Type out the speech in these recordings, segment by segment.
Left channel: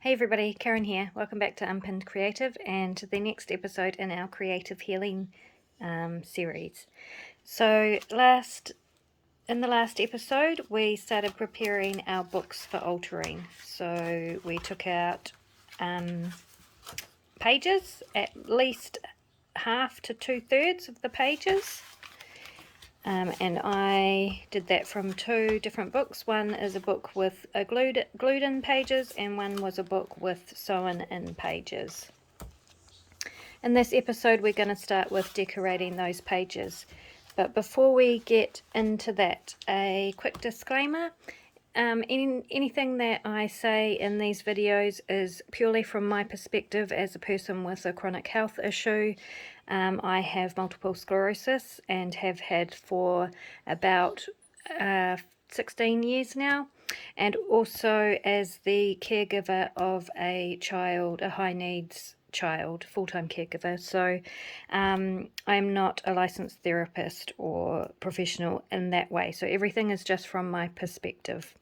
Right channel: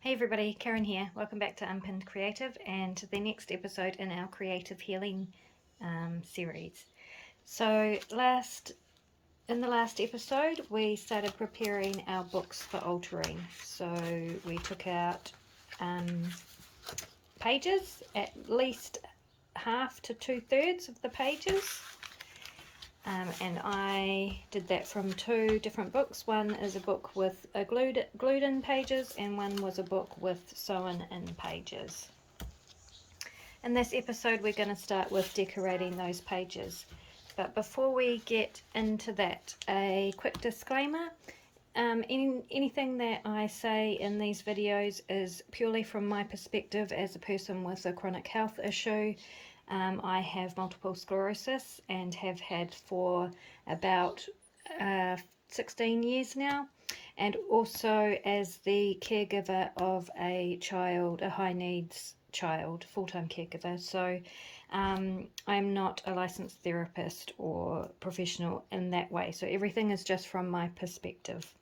Hey everybody, Karen here. Welcome back to Unpinned Creative and to the next episode in our creative healing series. So in the last episode we started preparing our books for altering. So we took out pages, at least half to 2/3 of the pages. And I did that from two different books. One is a book with glued in pages, and one was a book with sewn in pages. In this episode, we're going to start with decorating those pages. But before we get into that, a quick disclaimer. Anything that I say in these videos is purely from my perspective as a person with a chronic health issue. I have multiple sclerosis and have had for about 16 years now, and also as the caregiver of a child, a high needs child, full-time caregiver. So I'm not a licensed therapist or professional in that way. So everything is just from my perspective.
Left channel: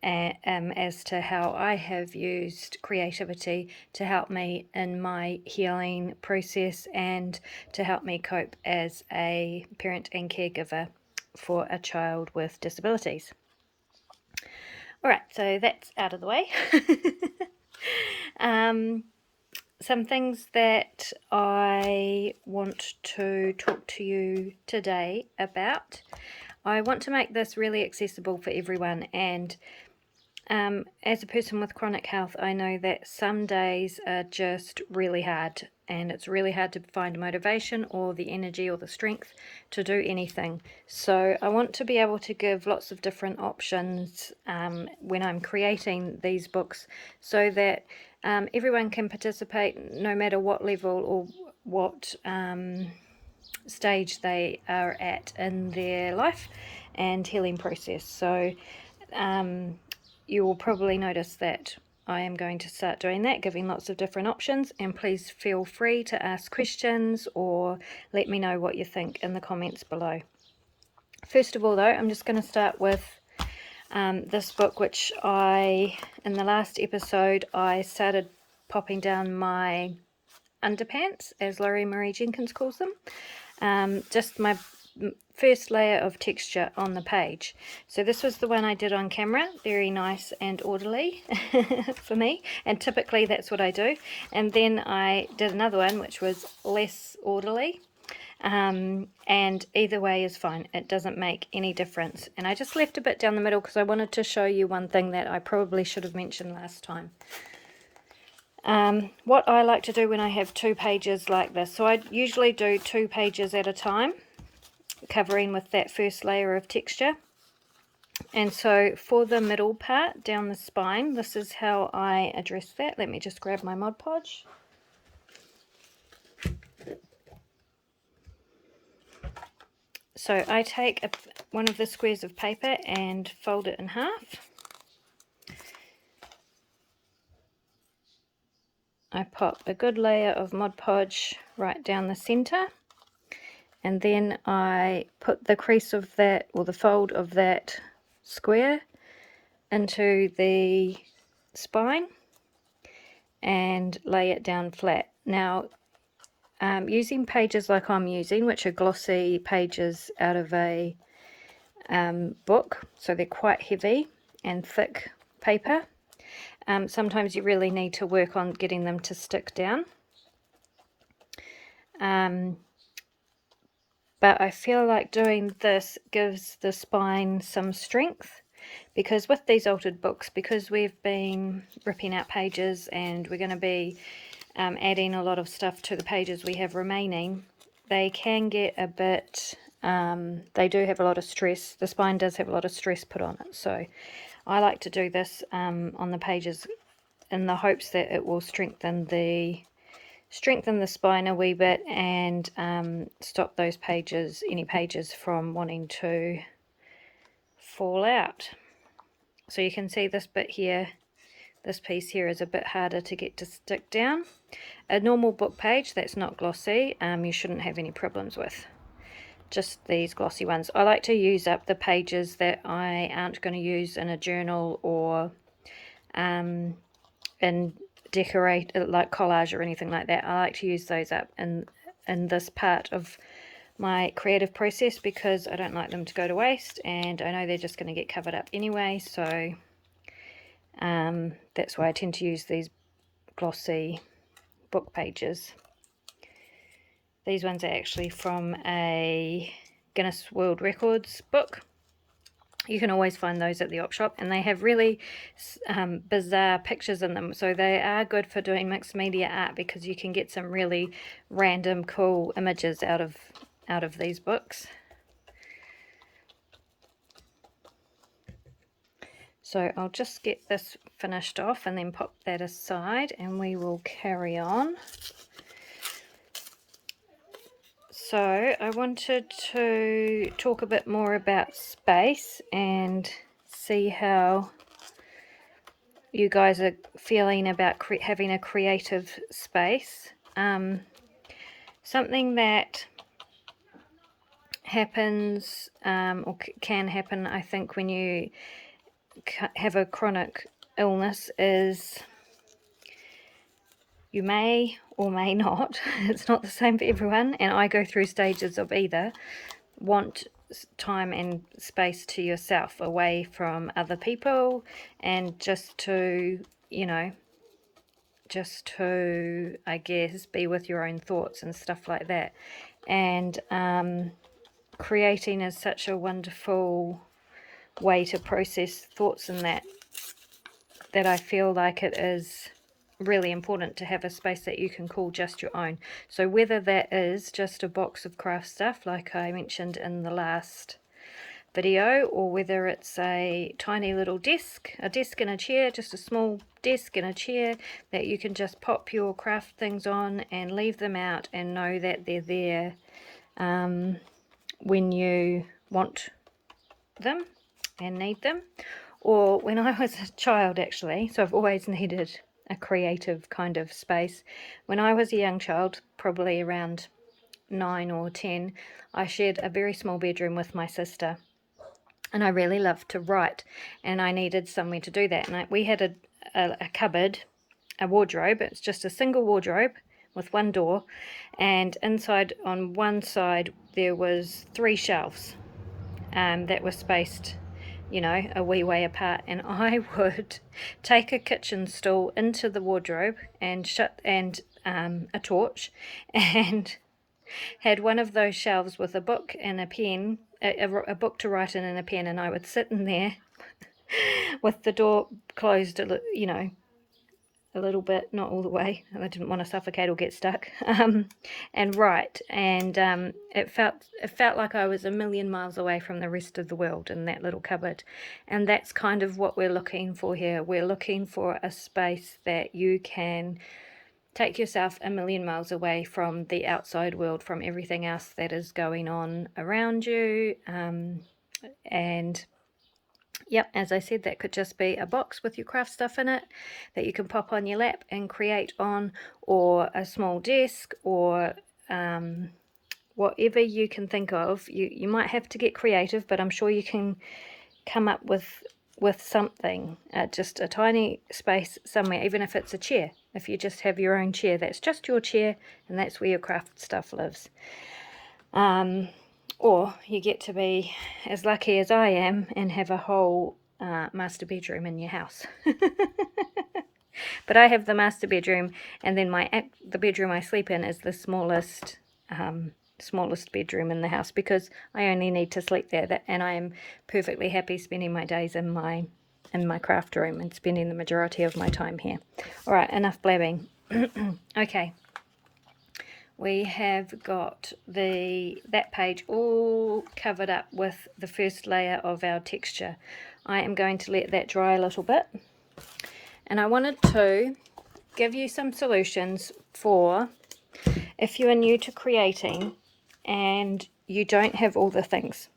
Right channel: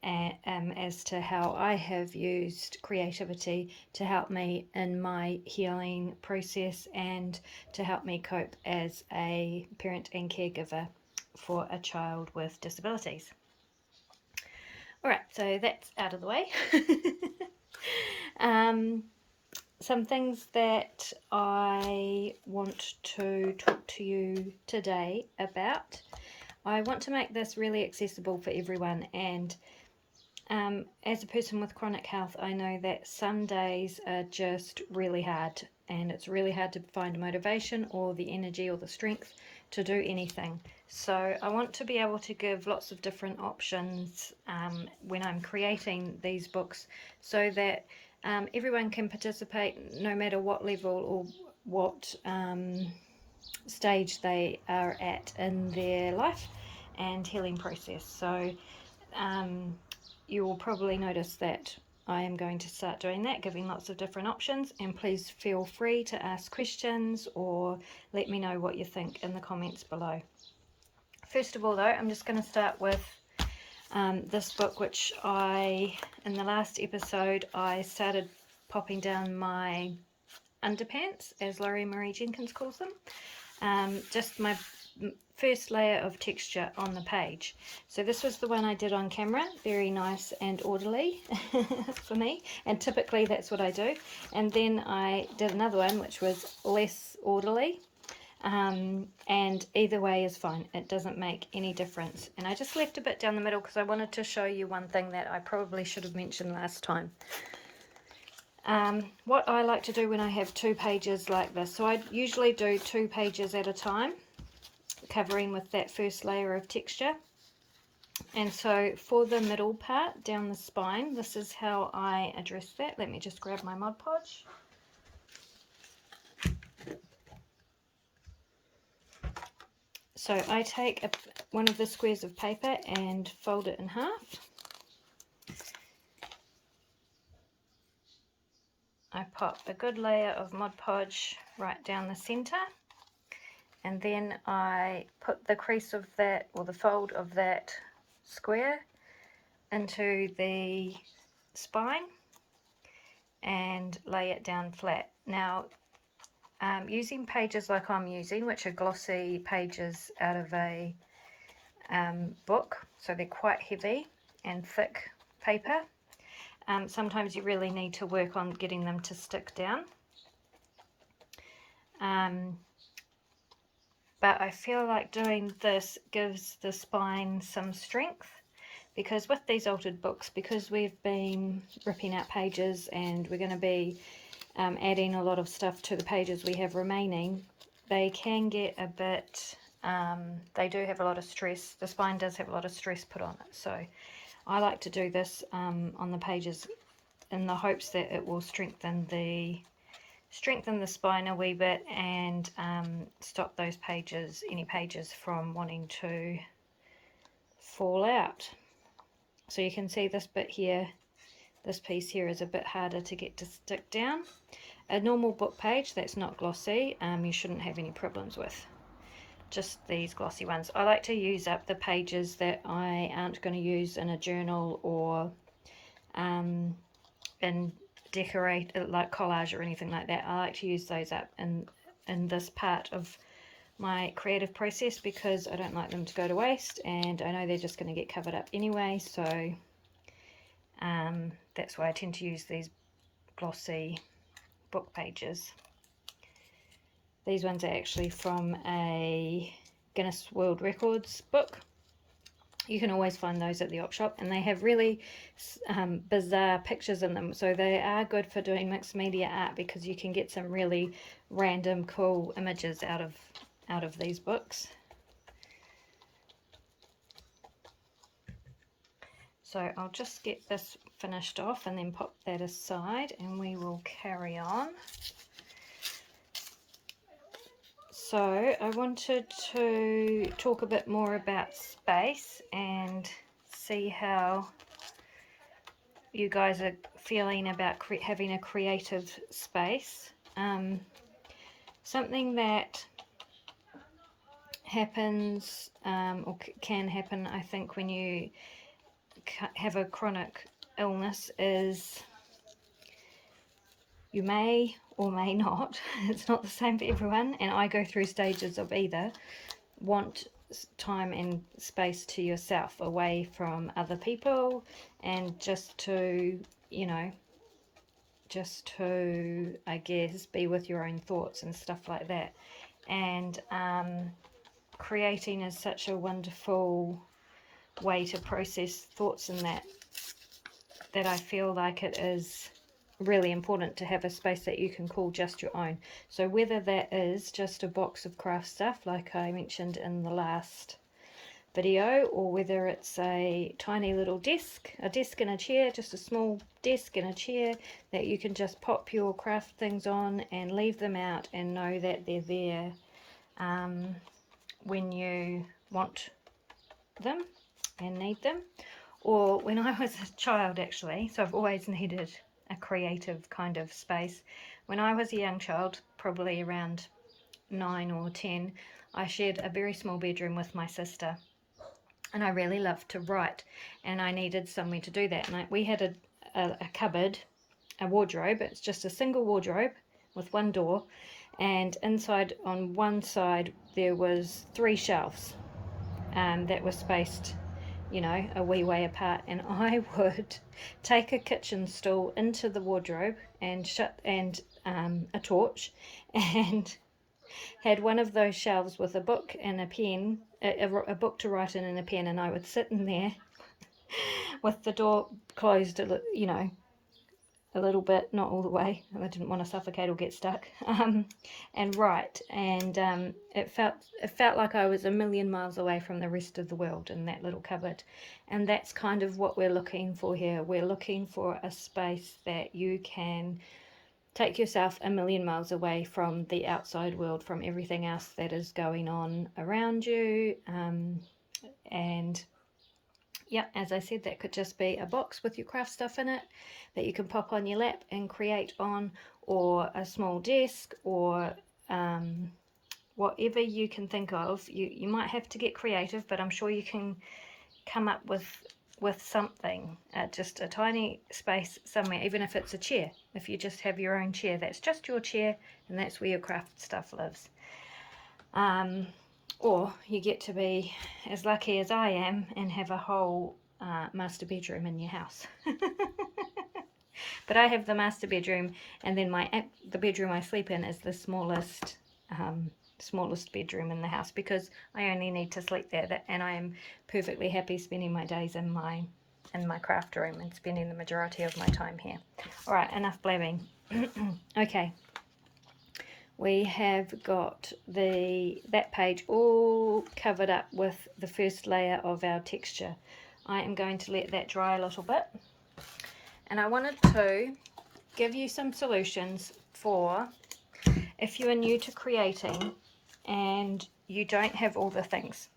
As to how I have used creativity to help me in my healing process and to help me cope as a parent and caregiver for a child with disabilities. Alright, so that's out of the way. Some things that I want to talk to you today about. I want to make this really accessible for everyone, and as a person with chronic health, I know that some days are just really hard, and it's really hard to find motivation or the energy or the strength to do anything. So I want to be able to give lots of different options when I'm creating these books, so that everyone can participate no matter what level or what stage they are at in their life and healing process. So you will probably notice that I am going to start doing that, giving lots of different options, and please feel free to ask questions or let me know what you think in the comments below. First of all though, I'm just going to start with this book, which in the last episode, I started popping down my underpants, as Laurie Marie Jenkins calls them. Just my first layer of texture on the page. So this was the one I did on camera, very nice and orderly for me, and typically that's what I do. And then I did another one which was less orderly, and either way is fine, it doesn't make any difference. And I just left a bit down the middle because I wanted to show you one thing that I probably should have mentioned last time. What I like to do when I have two pages like this, so I usually do 2 pages at a time, covering with that first layer of texture. And so for the middle part down the spine, this is how I address that. Let me just grab my Mod Podge. So I take one of the squares of paper and fold it in half. I pop a good layer of Mod Podge right down the center, and then I put the crease of that, or the fold of that square, into the spine and lay it down flat. Now, using pages like I'm using, which are glossy pages out of a book, so they're quite heavy and thick paper, sometimes you really need to work on getting them to stick down. But I feel like doing this gives the spine some strength, because with these altered books, because we've been ripping out pages and we're going to be adding a lot of stuff to the pages we have remaining, they can get a bit, they do have a lot of stress. The spine does have a lot of stress put on it. So I like to do this on the pages in the hopes that it will strengthen the spine a wee bit, and stop those pages, any pages, from wanting to fall out. So you can see this bit here, this piece here is a bit harder to get to stick down. A normal book page that's not glossy, you shouldn't have any problems with. Just these glossy ones. I like to use up the pages that I aren't going to use in a journal or in decorate, like collage or anything like that. I like to use those up in this part of my creative process because I don't like them to go to waste, and I know they're just going to get covered up anyway, so that's why I tend to use these glossy book pages. These ones are actually from a Guinness World Records book. You can always find those at the op shop, and they have really bizarre pictures in them, so they are good for doing mixed media art because you can get some really random cool images out of these books. So I'll just get this finished off and then pop that aside, and we will carry on. So I wanted to talk a bit more about space and see how you guys are feeling about having a creative space. Something that happens or can happen, I think, when you have a chronic illness is you may or may not, it's not the same for everyone, and I go through stages of either, want time and space to yourself, away from other people, and just to, you know, just to, I guess, be with your own thoughts and stuff like that. And creating is such a wonderful way to process thoughts, and that I feel like it is really important to have a space that you can call just your own. So whether that is just a box of craft stuff like I mentioned in the last video, or whether it's a tiny little desk, a desk and a chair, just a small desk and a chair that you can just pop your craft things on and leave them out and know that they're there when you want them and need them. Or when I was a child, actually, so I've always needed a creative kind of space. When I was a young child, probably around 9 or 10, I shared a very small bedroom with my sister, and I really loved to write, and I needed somewhere to do that. And we had a cupboard, a wardrobe. It's just a single wardrobe with one door, and inside on one side there was 3 shelves that were spaced, you know, a wee way apart, and I would take a kitchen stool into the wardrobe and a torch, and had one of those shelves with a book and a pen, a book to write in and a pen, and I would sit in there with the door closed, you know, a little bit, not all the way, I didn't want to suffocate or get stuck, and write, and it felt like I was a million miles away from the rest of the world in that little cupboard. And that's kind of what we're looking for here. We're looking for a space that you can take yourself a million miles away from the outside world, from everything else that is going on around you, and yep, as I said, that could just be a box with your craft stuff in it that you can pop on your lap and create on, or a small desk, or whatever you can think of. You might have to get creative, but I'm sure you can come up with something, just a tiny space somewhere, even if it's a chair. If you just have your own chair, that's just your chair, and that's where your craft stuff lives. Or you get to be as lucky as I am and have a whole master bedroom in your house. But I have the master bedroom, and then the bedroom I sleep in is the smallest bedroom in the house, because I only need to sleep there, and I am perfectly happy spending my days in my craft room and spending the majority of my time here. All right, enough blabbing. Okay. We have got that page all covered up with the first layer of our texture. I am going to let that dry a little bit, and I wanted to give you some solutions for if you are new to creating and you don't have all the things.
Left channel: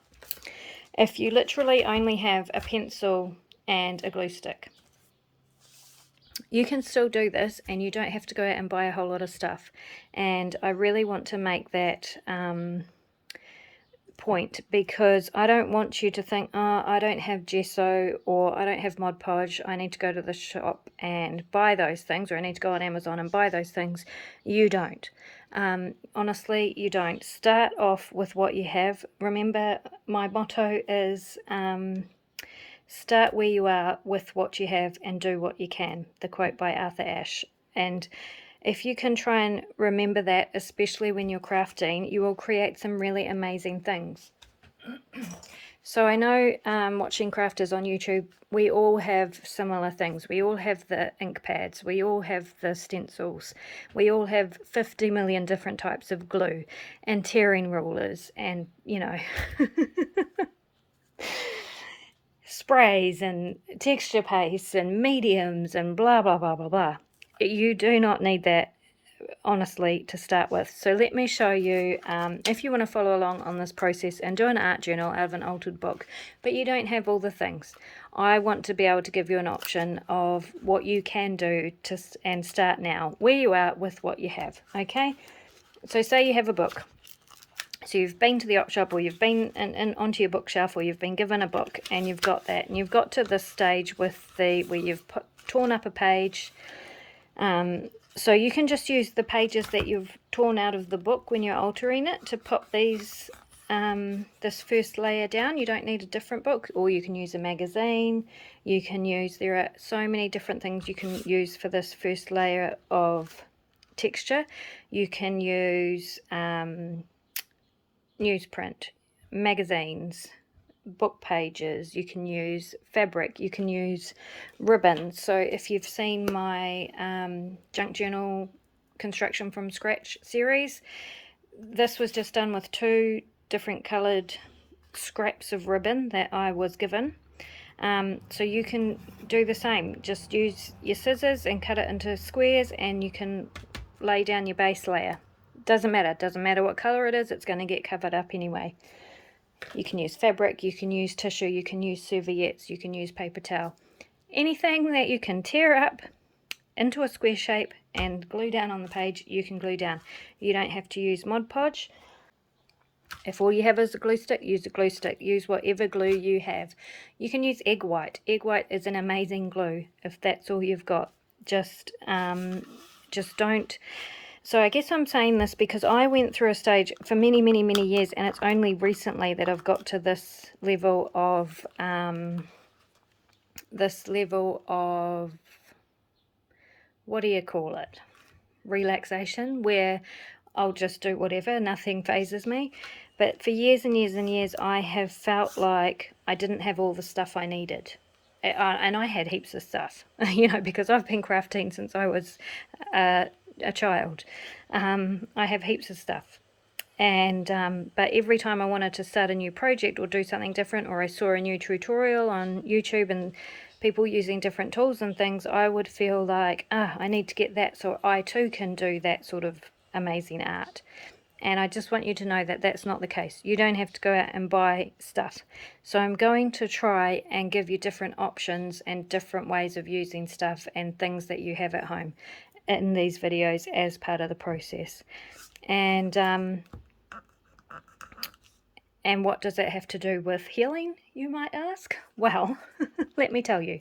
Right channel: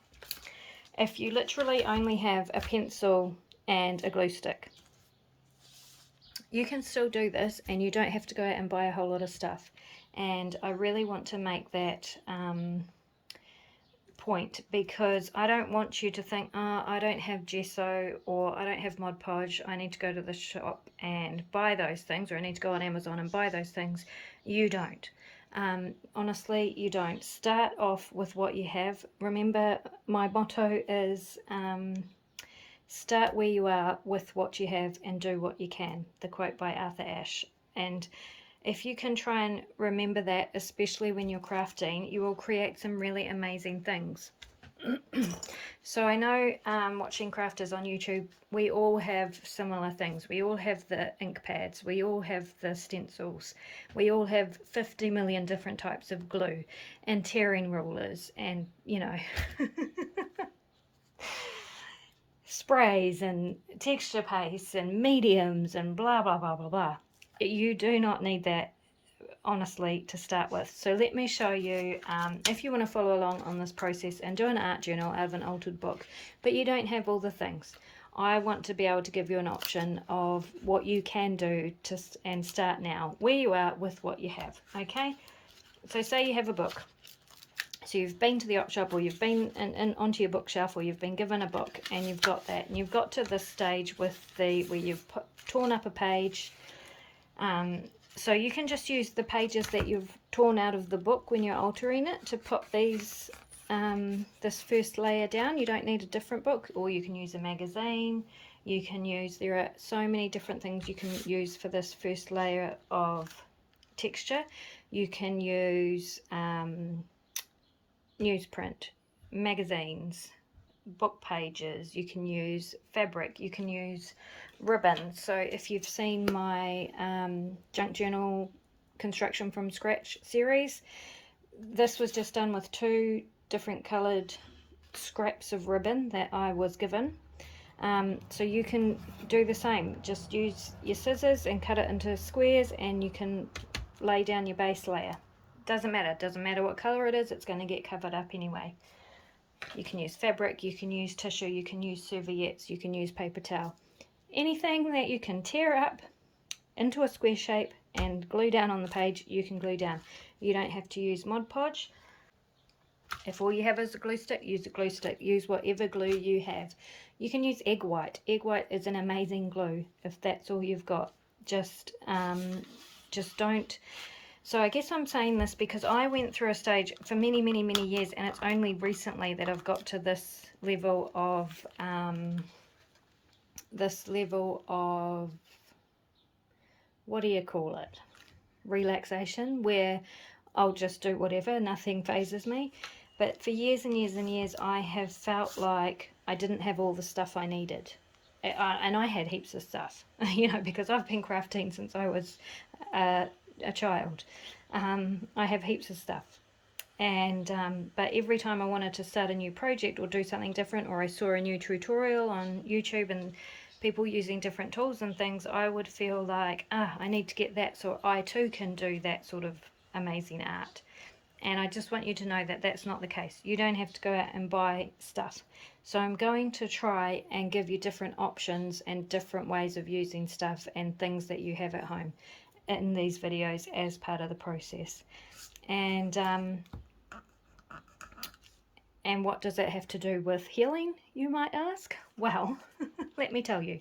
If you literally only have a pencil and a glue stick, you can still do this, and you don't have to go out and buy a whole lot of stuff. And I really want to make that point, because I don't want you to think, oh, I don't have gesso, or I don't have Mod Podge, I need to go to the shop and buy those things, or I need to go on Amazon and buy those things. You don't. Honestly, you don't. Start off with what you have. Remember, my motto is start where you are with what you have and do what you can. The quote by Arthur Ashe. And if you can try and remember that, especially when you're crafting, you will create some really amazing things. So I know watching crafters on YouTube, we all have similar things. We all have the ink pads, we all have the stencils, we all have 50 million different types of glue and tearing rulers and, you know, sprays and texture pastes and mediums and blah, blah, blah, blah, blah. You do not need that, honestly, to start with. So let me show you, if you want to follow along on this process and do an art journal out of an altered book, but you don't have all the things. I want to be able to give you an option of what you can do and start now, where you are with what you have, okay? So say you have a book. So you've been to the op shop, or you've been onto your bookshelf, or you've been given a book, and you've got that, and you've got to this stage with where you've torn up a page. So you can just use the pages that you've torn out of the book when you're altering it to put these this first layer down. You don't need a different book, or you can use a magazine. You can use, there are so many different things you can use for this first layer of texture. You can use newsprint, magazines, book pages, you can use fabric, you can use ribbon. So if you've seen my junk journal construction from scratch series, this was just done with 2 different colored scraps of ribbon that I was given. So you can do the same, just use your scissors and cut it into squares, and you can lay down your base layer. Doesn't matter what color it is, it's going to get covered up anyway. You can use fabric, you can use tissue, you can use serviettes, you can use paper towel. Anything that you can tear up into a square shape and glue down on the page, you can glue down. You don't have to use Mod Podge. If all you have is a glue stick, use a glue stick. Use whatever glue you have. You can use egg white. Egg white is an amazing glue if that's all you've got. Just don't. So I guess I'm saying this because I went through a stage for many, many, many years, and it's only recently that I've got to this level of what do you call it? Relaxation, where I'll just do whatever, nothing phases me. But for years and years and years, I have felt like I didn't have all the stuff I needed. And I had heaps of stuff, you know, because I've been crafting since I was a child. I have heaps of stuff. And but every time I wanted to start a new project or do something different, or I saw a new tutorial on YouTube and people using different tools and things, I would feel like, I need to get that so I too can do that sort of amazing art. And I just want you to know that that's not the case. You don't have to go out and buy stuff. So I'm going to try and give you different options and different ways of using stuff and things that you have at home in these videos as part of the process. And what does that have to do with healing, you might ask? Well, let me tell you.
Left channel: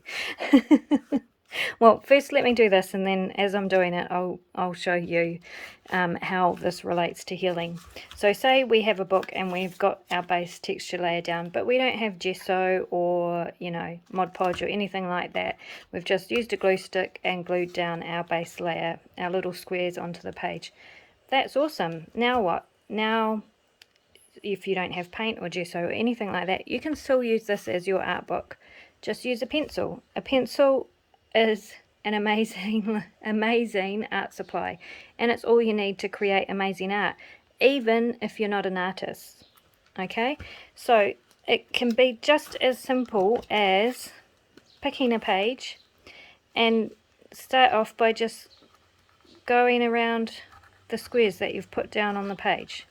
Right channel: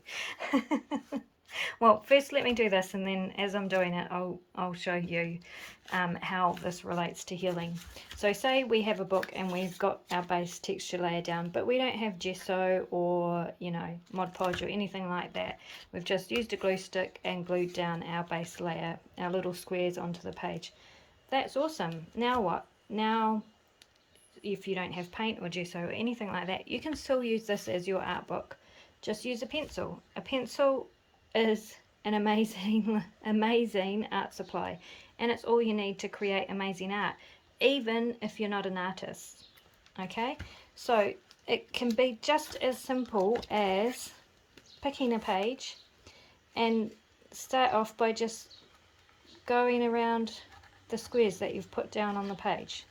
Well, first let me do this, and then as I'm doing it, I'll show you how this relates to healing. So say we have a book and we've got our base texture layer down, but we don't have gesso or, you know, Mod Podge or anything like that. We've just used a glue stick and glued down our base layer, our little squares onto the page. That's awesome. Now what? Now, if you don't have paint or gesso or anything like that, you can still use this as your art book. Just use a pencil. A pencil is an amazing art supply, and it's all you need to create amazing art, even if you're not an artist. Okay, so it can be just as simple as picking a page and start off by just going around the squares that you've put down on the page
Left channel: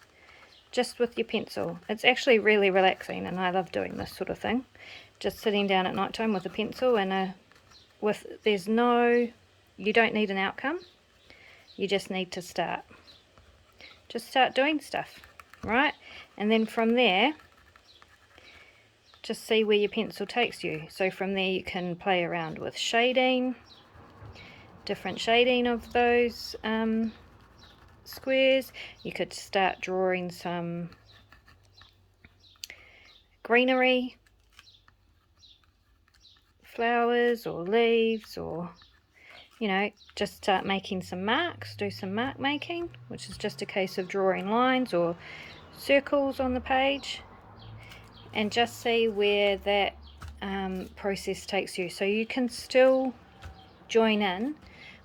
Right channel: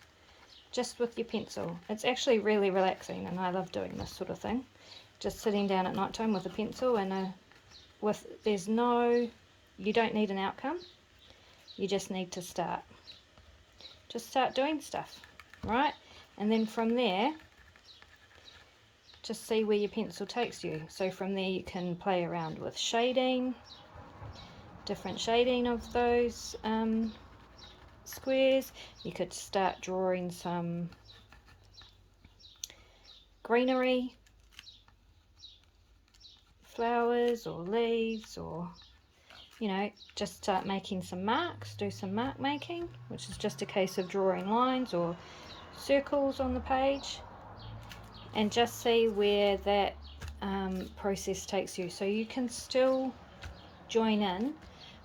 just with your pencil. It's actually really relaxing, and I love doing this sort of thing, just sitting down at night time with a pencil and you don't need an outcome, you just need to start. Just start doing stuff, right? And then from there, just see where your pencil takes you. So from there you can play around with shading, different shading of those squares. You could start drawing some greenery, flowers or leaves, or just start making some marks, do some mark making, which is just a case of drawing lines or circles on the page, and just see where that process takes you. So you can still join in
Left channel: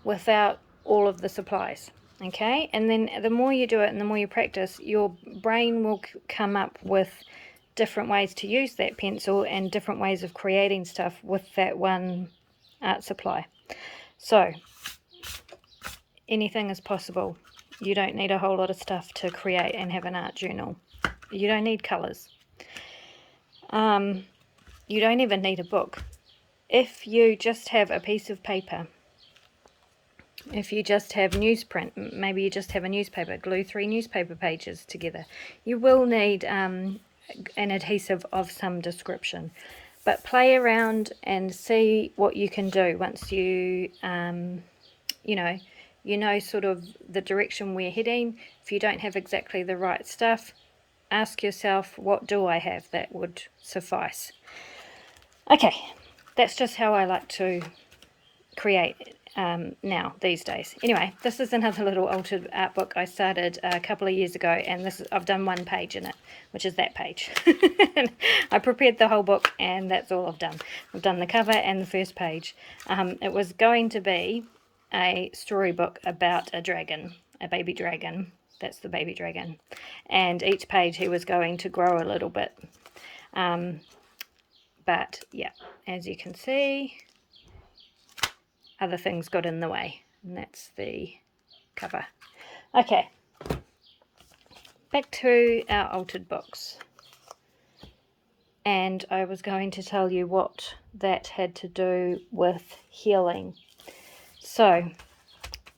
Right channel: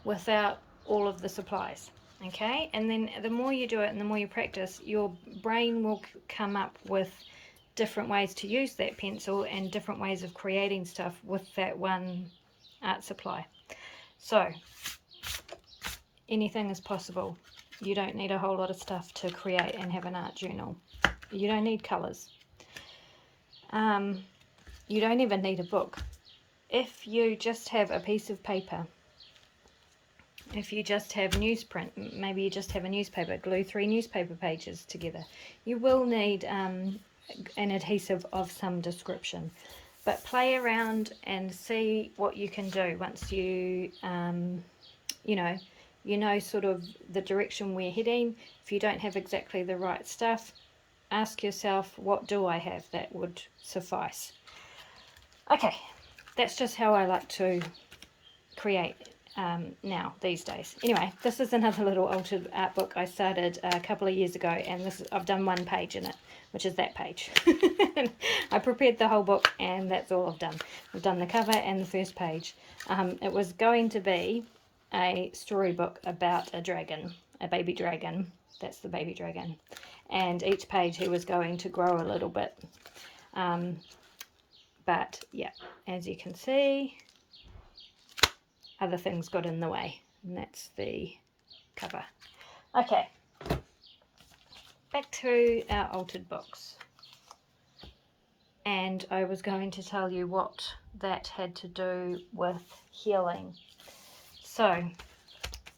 without all of the supplies, okay? And then the more you do it and the more you practice, your brain will come up with different ways to use that pencil and different ways of creating stuff with that one art supply. So anything is possible. You don't need a whole lot of stuff to create and have an art journal. You don't need colours. You don't even need a book. If you just have a piece of paper, if you just have newsprint, maybe you just have a newspaper, glue 3 newspaper pages together. You will need an adhesive of some description. But play around and see what you can do once you, you know sort of the direction we're heading. If you don't have exactly the right stuff, ask yourself, what do I have that would suffice? Okay, that's just how I like to create now these days. Anyway, this is another little altered art book I started a couple of years ago, and I've done 1 page in it, which is that page. I prepared the whole book and that's all I've done. I've done the cover and the first page. It was going to be a storybook about a dragon, a baby dragon. That's the baby dragon, and each page he was going to grow a little bit, but yeah, as you can see, other things got in the way, and that's the cover. Okay, back to our altered books, and I was going to tell you what that had to do with healing. So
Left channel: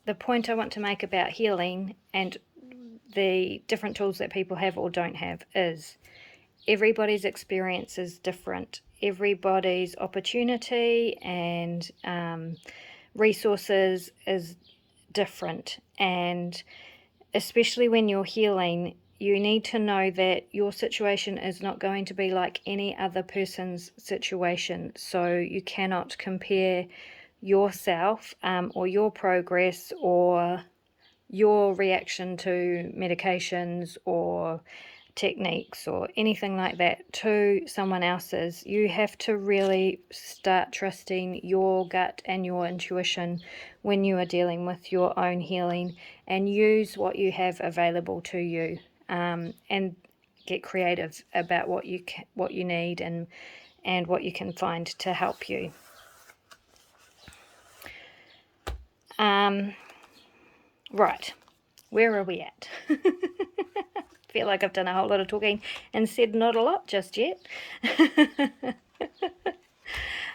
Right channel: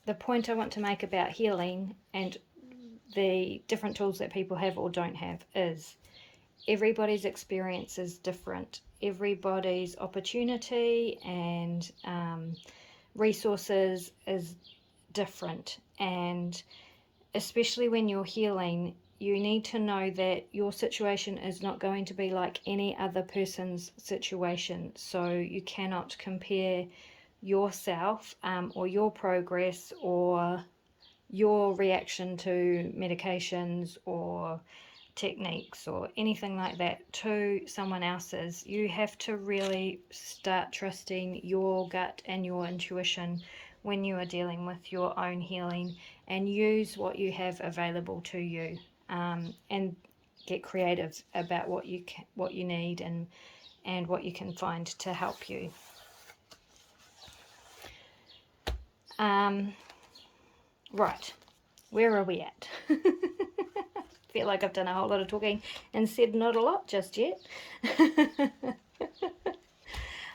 the point I want to make about healing and the different tools that people have or don't have is everybody's experience is different. Everybody's opportunity and resources is different, and especially when you're healing, you need to know that your situation is not going to be like any other person's situation. So you cannot compare yourself or your progress or your reaction to medications or techniques or anything like that to someone else's. You have to really start trusting your gut and your intuition when you are dealing with your own healing, and use what you have available to you, and get creative about what you need and what you can find to help you. Right, where are we at? Feel like I've done a whole lot of talking and said not a lot just yet.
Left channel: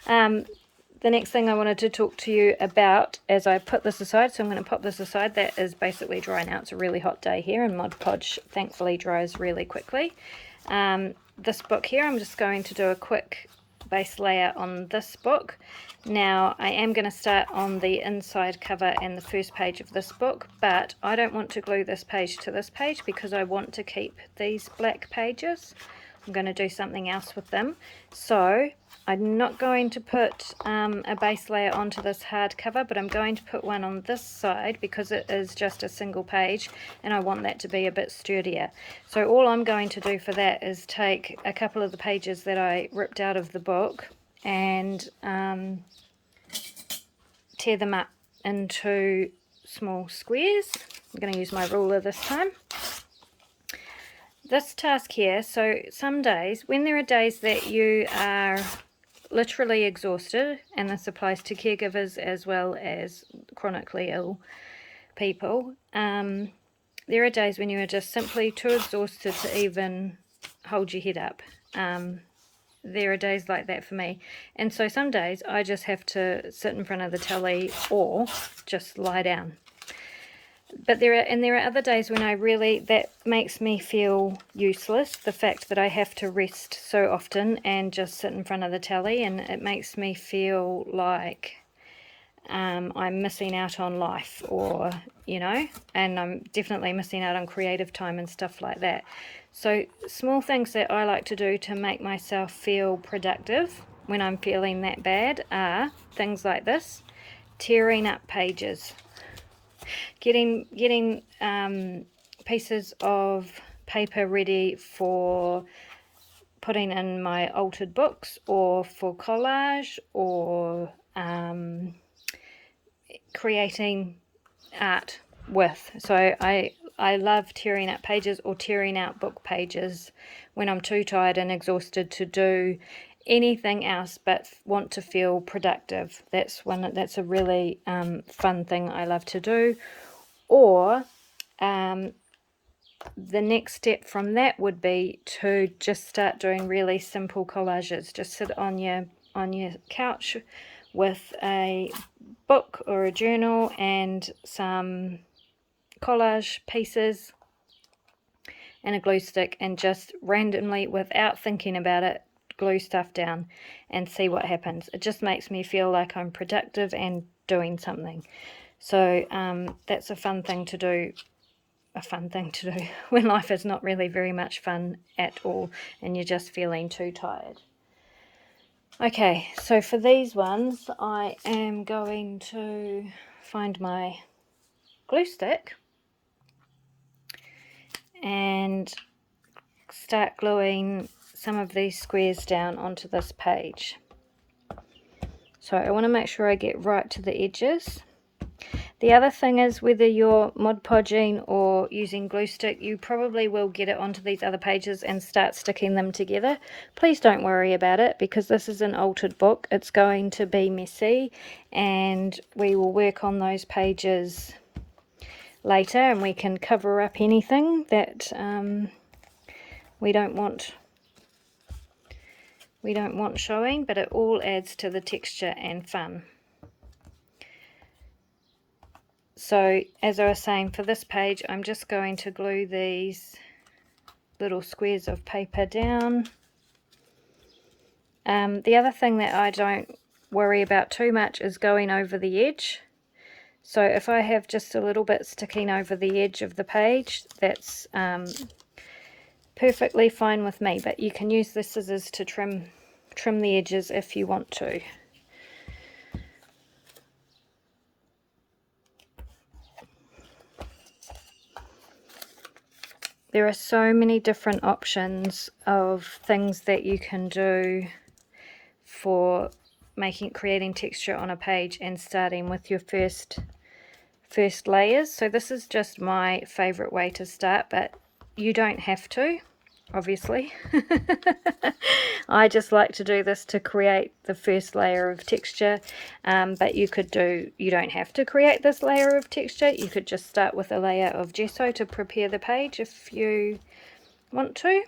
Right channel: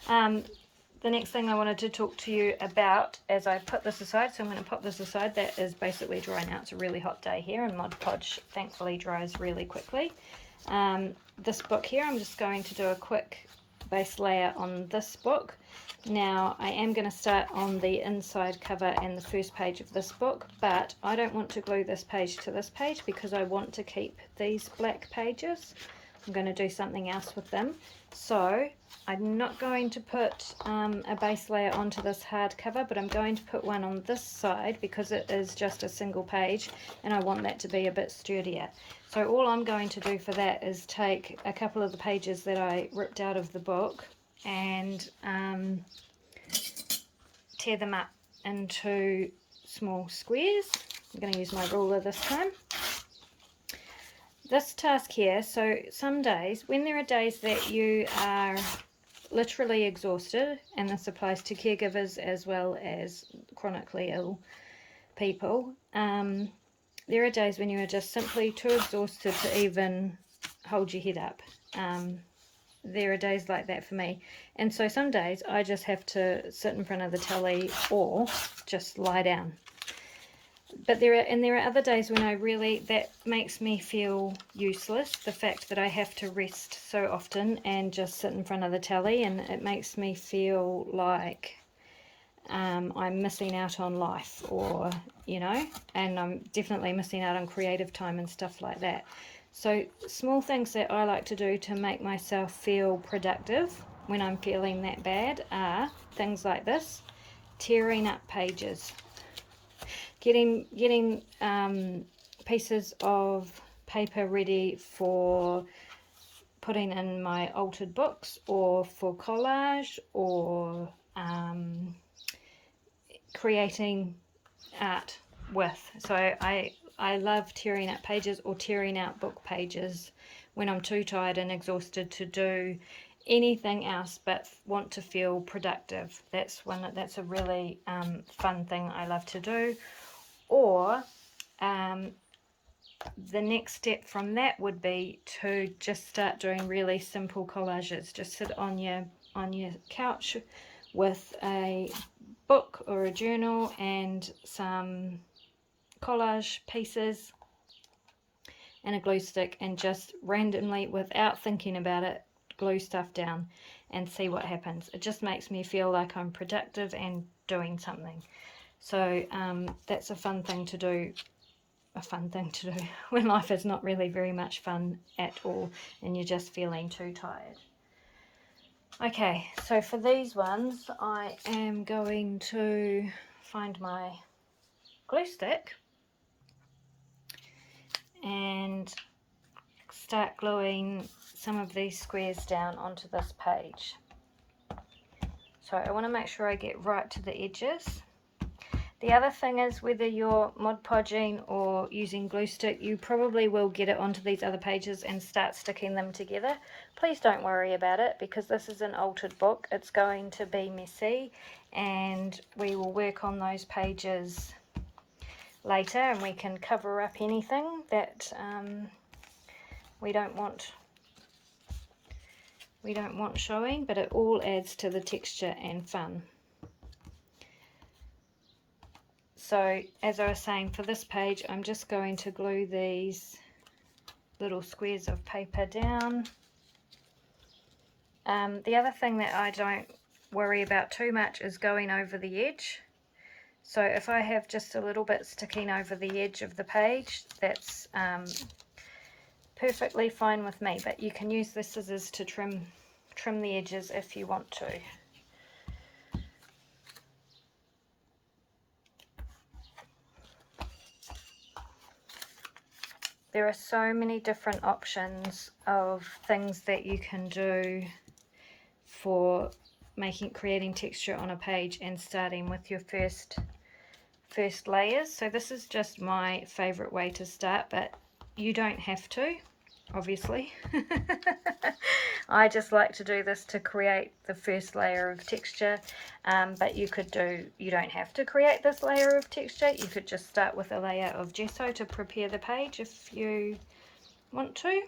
The next thing I wanted to talk to you about as I put this aside, so I'm going to pop this aside, that is basically drying out. It's a really hot day here, and Mod Podge thankfully dries really quickly. This book here, I'm just going to do a quick base layer on this book. Now I am going to start on the inside cover and the first page of this book, but I don't want to glue this page to this page because I want to keep these black pages. I'm going to do something else with them, so I'm not going to put a base layer onto this hard cover, but I'm going to put one on this side because it is just a single page and I want that to be a bit sturdier. So all I'm going to do for that is take a couple of the pages that I ripped out of the book and tear them up into small squares. I'm going to use my ruler this time. This task here, so some days, when there are days that you are literally exhausted, and this applies to caregivers as well as chronically ill people, there are days when you are just simply too exhausted to even hold your head up. There are days like that for me, and so some days I just have to sit in front of the telly or just lie down. But there are other days when that makes me feel useless, the fact that I have to rest so often and just sit in front of the telly, and it makes me feel like I'm missing out on life, or and I'm definitely missing out on creative time and stuff like that. So small things that I like to do to make myself feel productive when I'm feeling that bad are things like this: tearing up pages, getting pieces of paper ready for putting in my altered books, or for collage, or creating art with. So I love tearing up pages or tearing out book pages when I'm too tired and exhausted to do anything else but want to feel productive. That's a really fun thing I love to do. Or the next step from that would be to just start doing really simple collages. Just sit on your couch with a book or a journal and some collage pieces and a glue stick, and just randomly, without thinking about it, glue stuff down and see what happens. It just makes me feel like I'm productive and doing something. So that's a fun thing to do when life is not really very much fun at all and you're just feeling too tired. Okay, so for these ones I am going to find my glue stick and start gluing some of these squares down onto this page. So I want to make sure I get right to the edges. The other thing is, whether you're Mod Podging or using glue stick, you probably will get it onto these other pages and start sticking them together. Please don't worry about it, because this is an altered book. It's going to be messy, and we will work on those pages later, and we can cover up anything that we don't want showing, but it all adds to the texture and fun. So as I was saying, for this page I'm just going to glue these little squares of paper down. The other thing that I don't worry about too much is going over the edge. So if I have just a little bit sticking over the edge of the page, that's perfectly fine with me, but you can use the scissors to trim the edges if you want to. There are so many different options of things that you can do for creating texture on a page and starting with your first layers. So this is just my favorite way to start, but you don't have to, obviously. I just like to do this to create the first layer of texture, but you don't have to create this layer of texture. You could just start with a layer of gesso to prepare the page if you want to,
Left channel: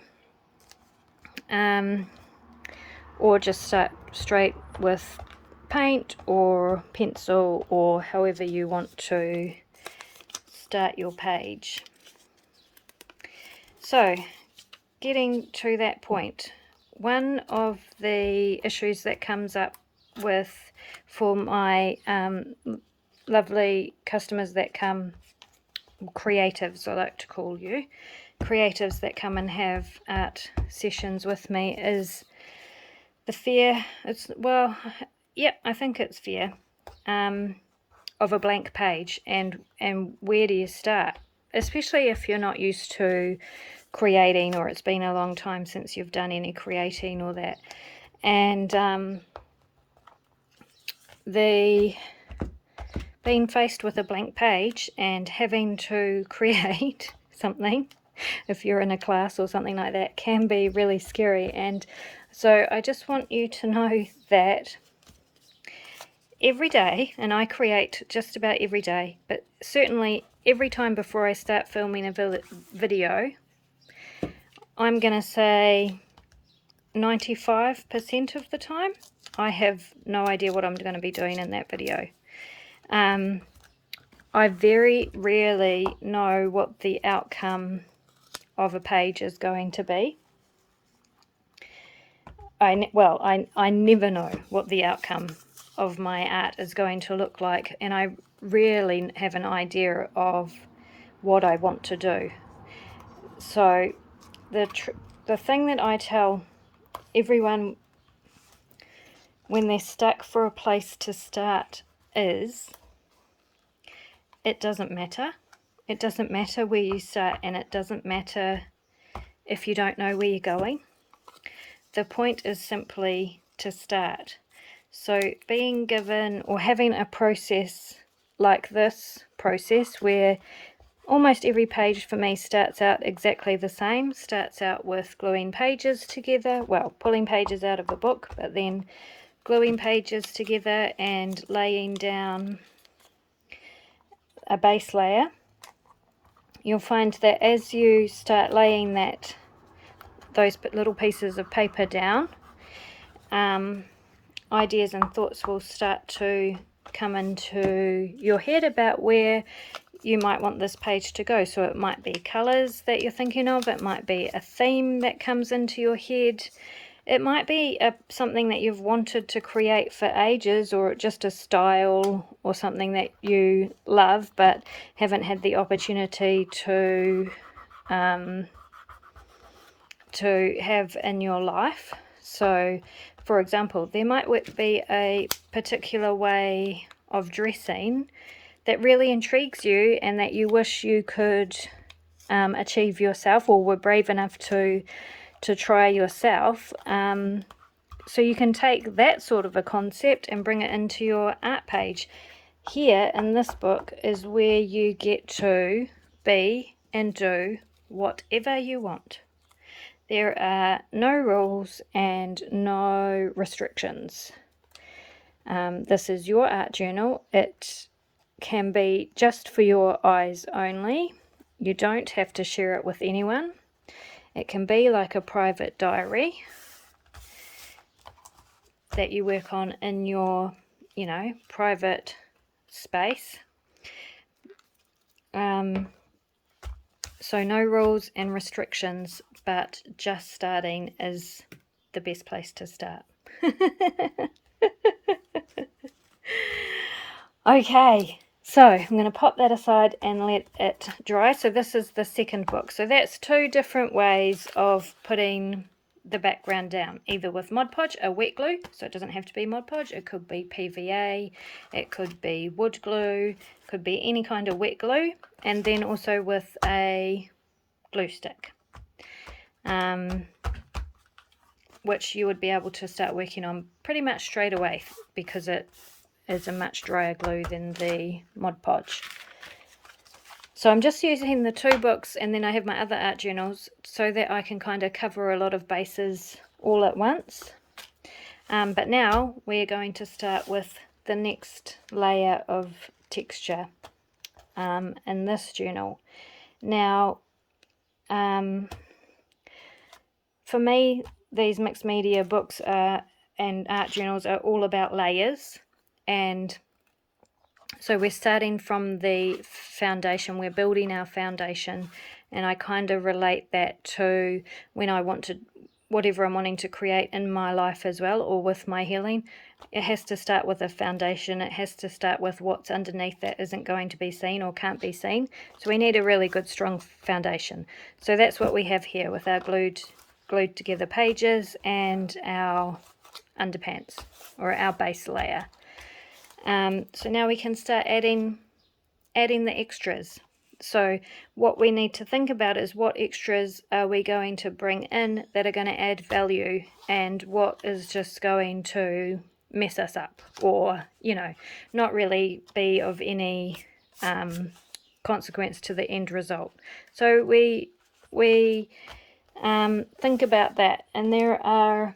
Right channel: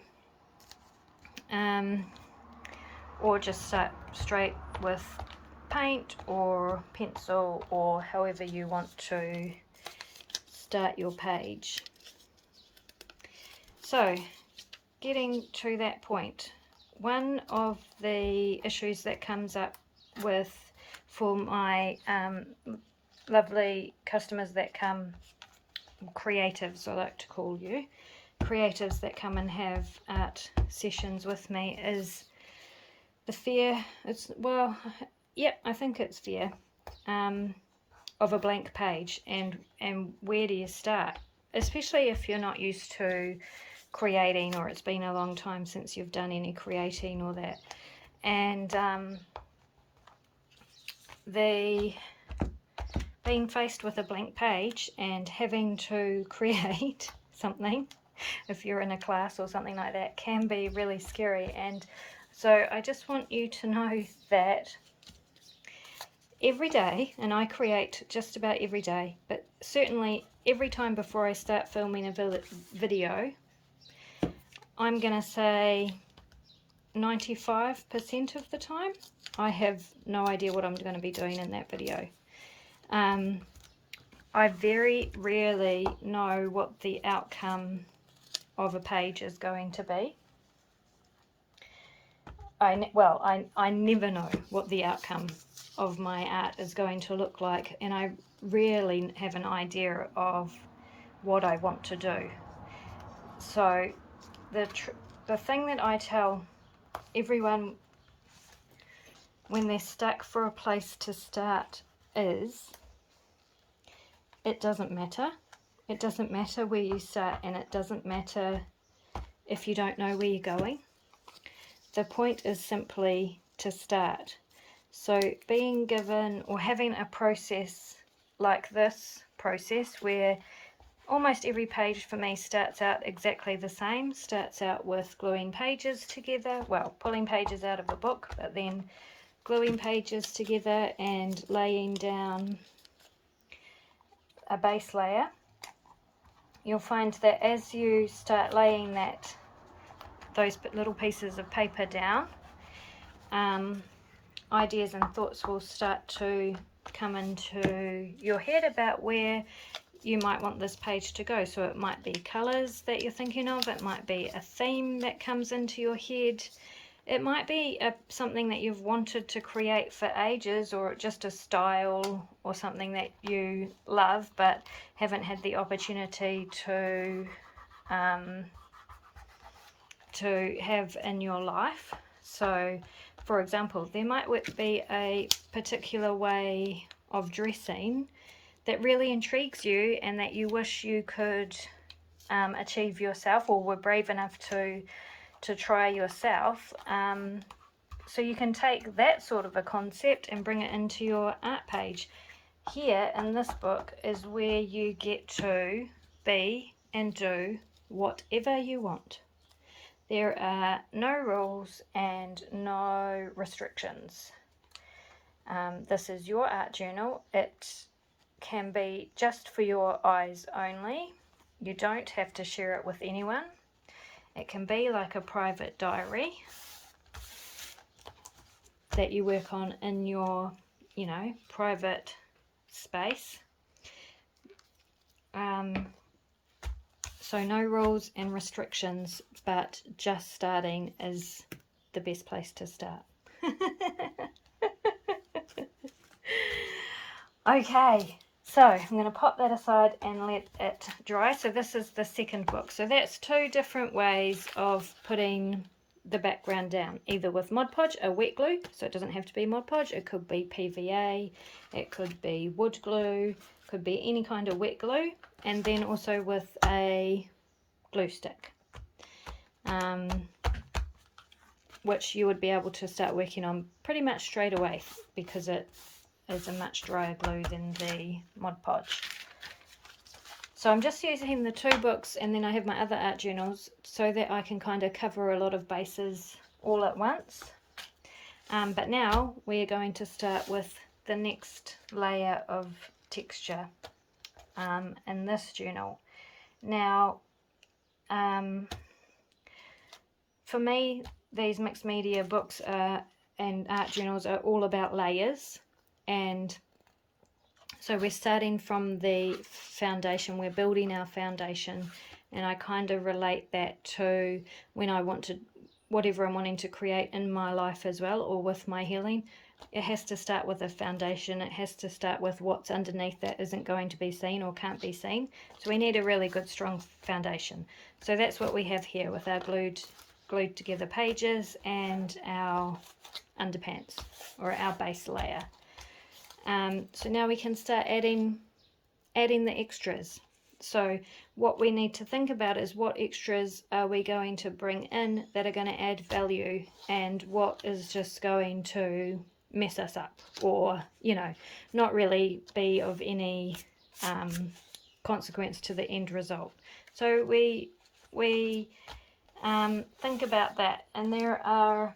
or just start straight with paint or pencil, or however you want to start your page. So getting to that point, one of the issues that comes up for my lovely customers that come, creatives I like to call you, creatives that come and have art sessions with me, is the fear, I think it's fear of a blank page, and where do you start, especially if you're not used to creating, or it's been a long time since you've done any creating or that. And being faced with a blank page and having to create something, if you're in a class or something like that, can be really scary. And so I just want you to know that every day, and I create just about every day, but certainly every time before I start filming a video, I'm going to say 95% of the time I have no idea what I'm going to be doing in that video. I very rarely know what the outcome of a page is going to be. I never know what the outcome of my art is going to look like, and I rarely have an idea of what I want to do. So the thing that I tell everyone when they're stuck for a place to start is, it doesn't matter. It doesn't matter where you start, and it doesn't matter if you don't know where you're going. The point is simply to start. So being given or having a process like this process, where almost every page for me starts out exactly the same, starts out with gluing pages together, well, pulling pages out of the book, but then gluing pages together and laying down a base layer. You'll find that as you start laying those little pieces of paper down, ideas and thoughts will start to come into your head about where you might want this page to go. So it might be colours that you're thinking of, it might be a theme that comes into your head, it might be something that you've wanted to create for ages, or just a style or something that you love but haven't had the opportunity to have in your life. So for example, there might be a particular way of dressing that really intrigues you and that you wish you could achieve yourself, or were brave enough to try yourself. So you can take that sort of a concept and bring it into your art page. Here in this book is where you get to be and do whatever you want. There are no rules and no restrictions. This is your art journal. It can be just for your eyes only. You don't have to share it with anyone. It can be like a private diary that you work on in your, private space. So no rules and restrictions, but just starting is the best place to start. Okay, so I'm going to pop that aside and let it dry. So this is the second book. So that's two different ways of putting the background down, either with Mod Podge, a wet glue, so it doesn't have to be Mod Podge, it could be PVA, it could be wood glue, could be any kind of wet glue, and then also with a glue stick, which you would be able to start working on pretty much straight away because it is a much drier glue than the Mod Podge. So I'm just using the two books, and then I have my other art journals so that I can kind of cover a lot of bases all at once. But now we're going to start with the next layer of texture in this journal. Now, for me, these mixed media books and art journals are all about layers, and so we're starting from the foundation, we're building our foundation, and I kind of relate that to when I want to, whatever I'm wanting to create in my life as well, or with my healing. It has to start with a foundation. It has to start with what's underneath that isn't going to be seen or can't be seen. So we need a really good, strong foundation. So that's what we have here with our glued together pages and our underpants, or our base layer. So now we can start adding the extras. So what we need to think about is, what extras are we going to bring in that are going to add value, and what is just going to mess us up, or not really be of any consequence to the end result. So we think about that, and there are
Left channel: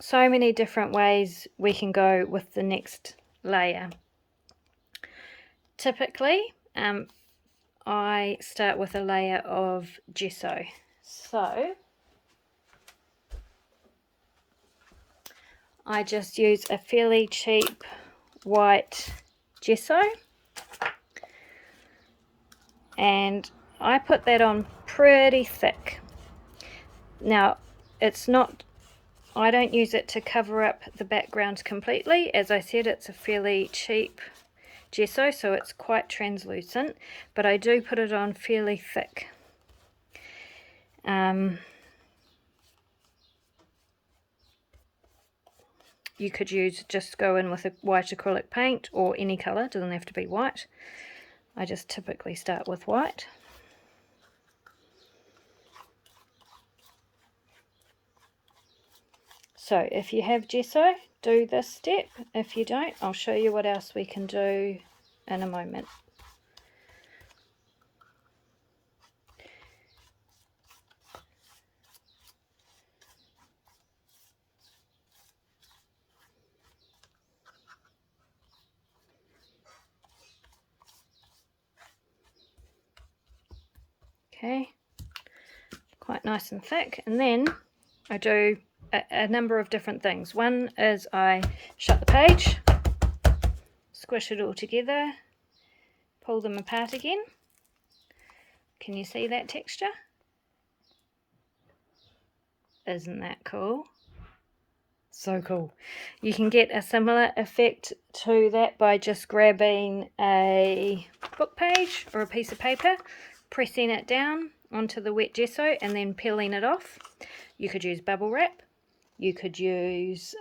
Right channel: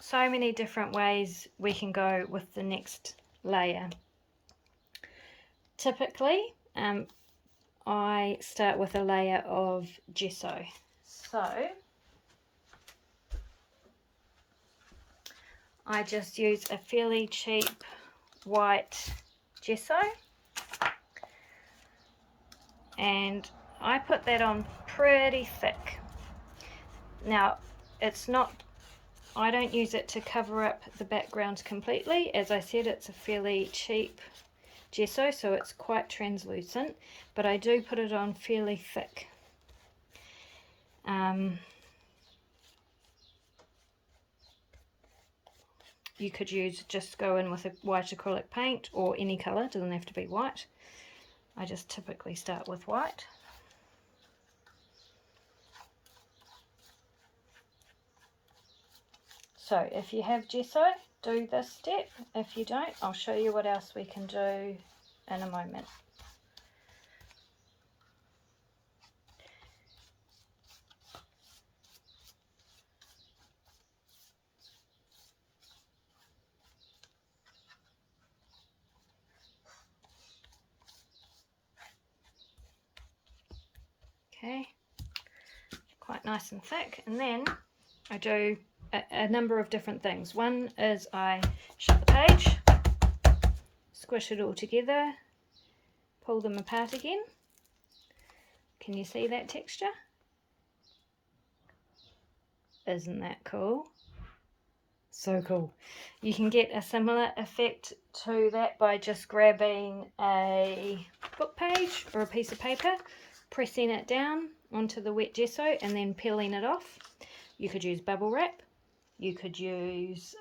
so many different ways we can go with the next layer. Typically, I start with a layer of gesso. So I just use a fairly cheap white gesso, and I put that on pretty thick. Now, it's not, I don't use it to cover up the background completely. As I said, it's a fairly cheap gesso, so it's quite translucent, but I do put it on fairly thick. You could just go in with a white acrylic paint or any colour, doesn't have to be white. I just typically start with white. So if you have gesso, do this step. If you don't, I'll show you what else we can do in a moment. Okay, quite nice and thick. And then I do a number of different things. One is I shut the page, squish it all together, pull them apart again. Can you see that texture? Isn't that cool? So cool. You can get a similar effect to that by just grabbing a book page or a piece of paper, pressing it down onto the wet gesso and then peeling it off. You could use bubble wrap. You could use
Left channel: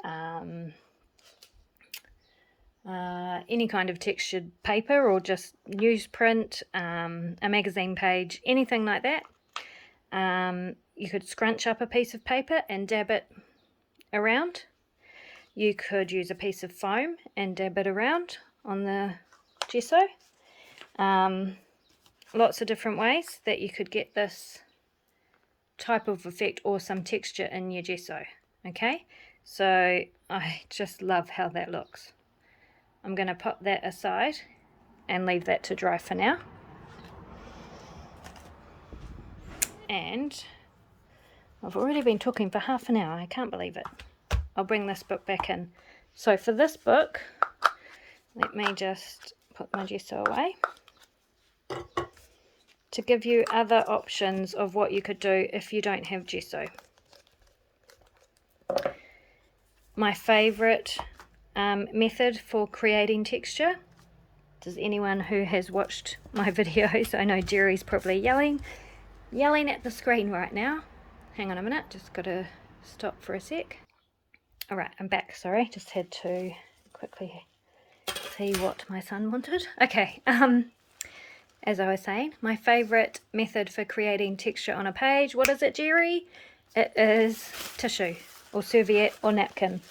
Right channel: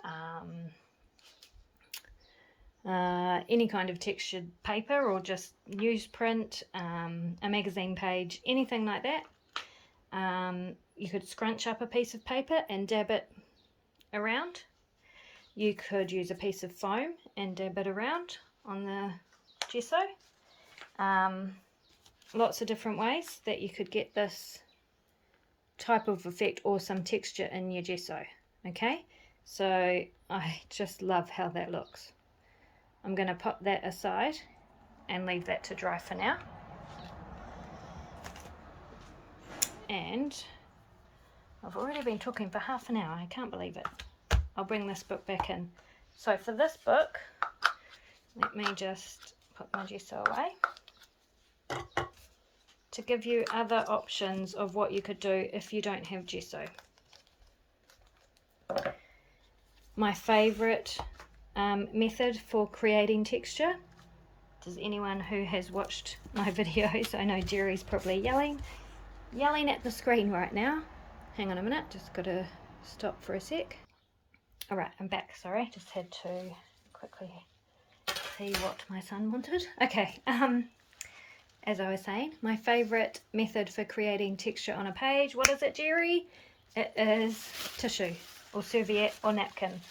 any kind of textured paper or just newsprint, a magazine page, anything like that. You could scrunch up a piece of paper and dab it around. You could use a piece of foam and dab it around on the gesso. Lots of different ways that you could get this type of effect or some texture in your gesso. Okay, so I just love how that looks. I'm going to pop that aside and leave that to dry for now. And I've already been talking for half an hour. I can't believe it. I'll bring this book back in. So for this book, let me just put my gesso away to give you other options of what you could do if you don't have gesso. My favourite method for creating texture. Does anyone who has watched my videos, I know Jerry's probably yelling at the screen right now. Hang on a minute, just got to stop for a sec. Alright, I'm back, sorry, just had to quickly see what my son wanted. Okay, as I was saying, my favourite method for creating texture on a page, what is it, Jerry? It is tissue or serviette or napkin.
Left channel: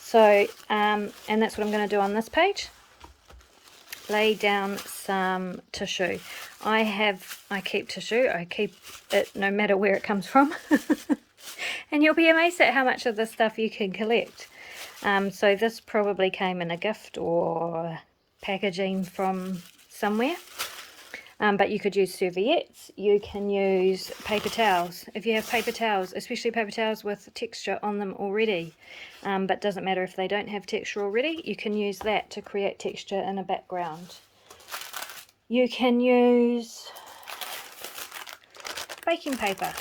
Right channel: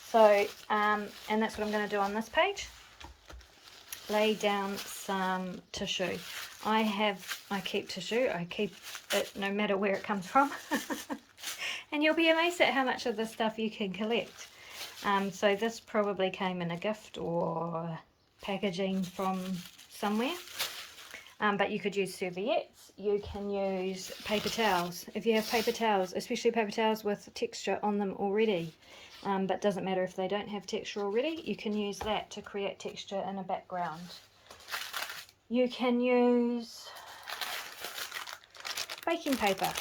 So, and that's what I'm going to do on this page. Lay down some tissue. I keep tissue. I keep it no matter where it comes from. And you'll be amazed at how much of this stuff you can collect. So this probably came in a gift or packaging from somewhere. But you could use serviettes. You can use paper towels. If you have paper towels, especially paper towels with texture on them already, but doesn't matter if they don't have texture already, you can use that to create texture in a background. You can use baking paper,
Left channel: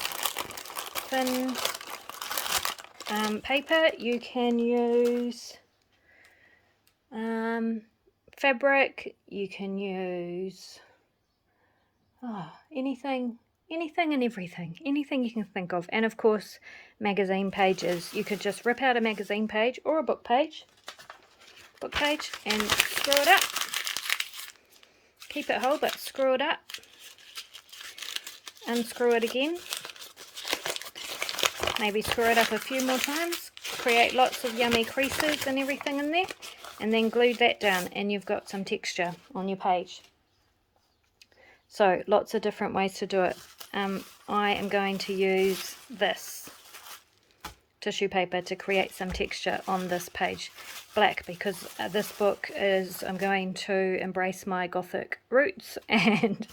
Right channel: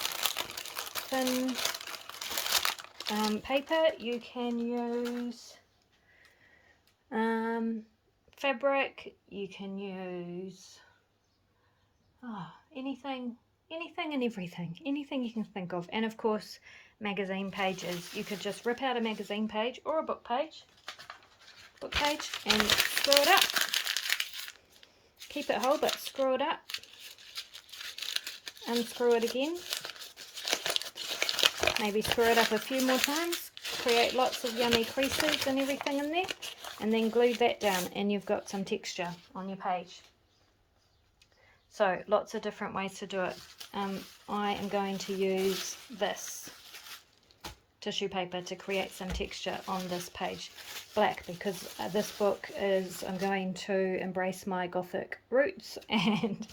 thin paper. You can use fabric. You can use anything and everything, anything you can think of. And of course, magazine pages. You could just rip out a magazine page or a book page and screw it up. Keep it whole, but screw it up. Unscrew it again. Maybe screw it up a few more times. Create lots of yummy creases and everything in there. And then glue that down and you've got some texture on your page. So lots of different ways to do it. I am going to use this tissue paper to create some texture on this page. Black, because this book is, I'm going to embrace my Gothic roots, and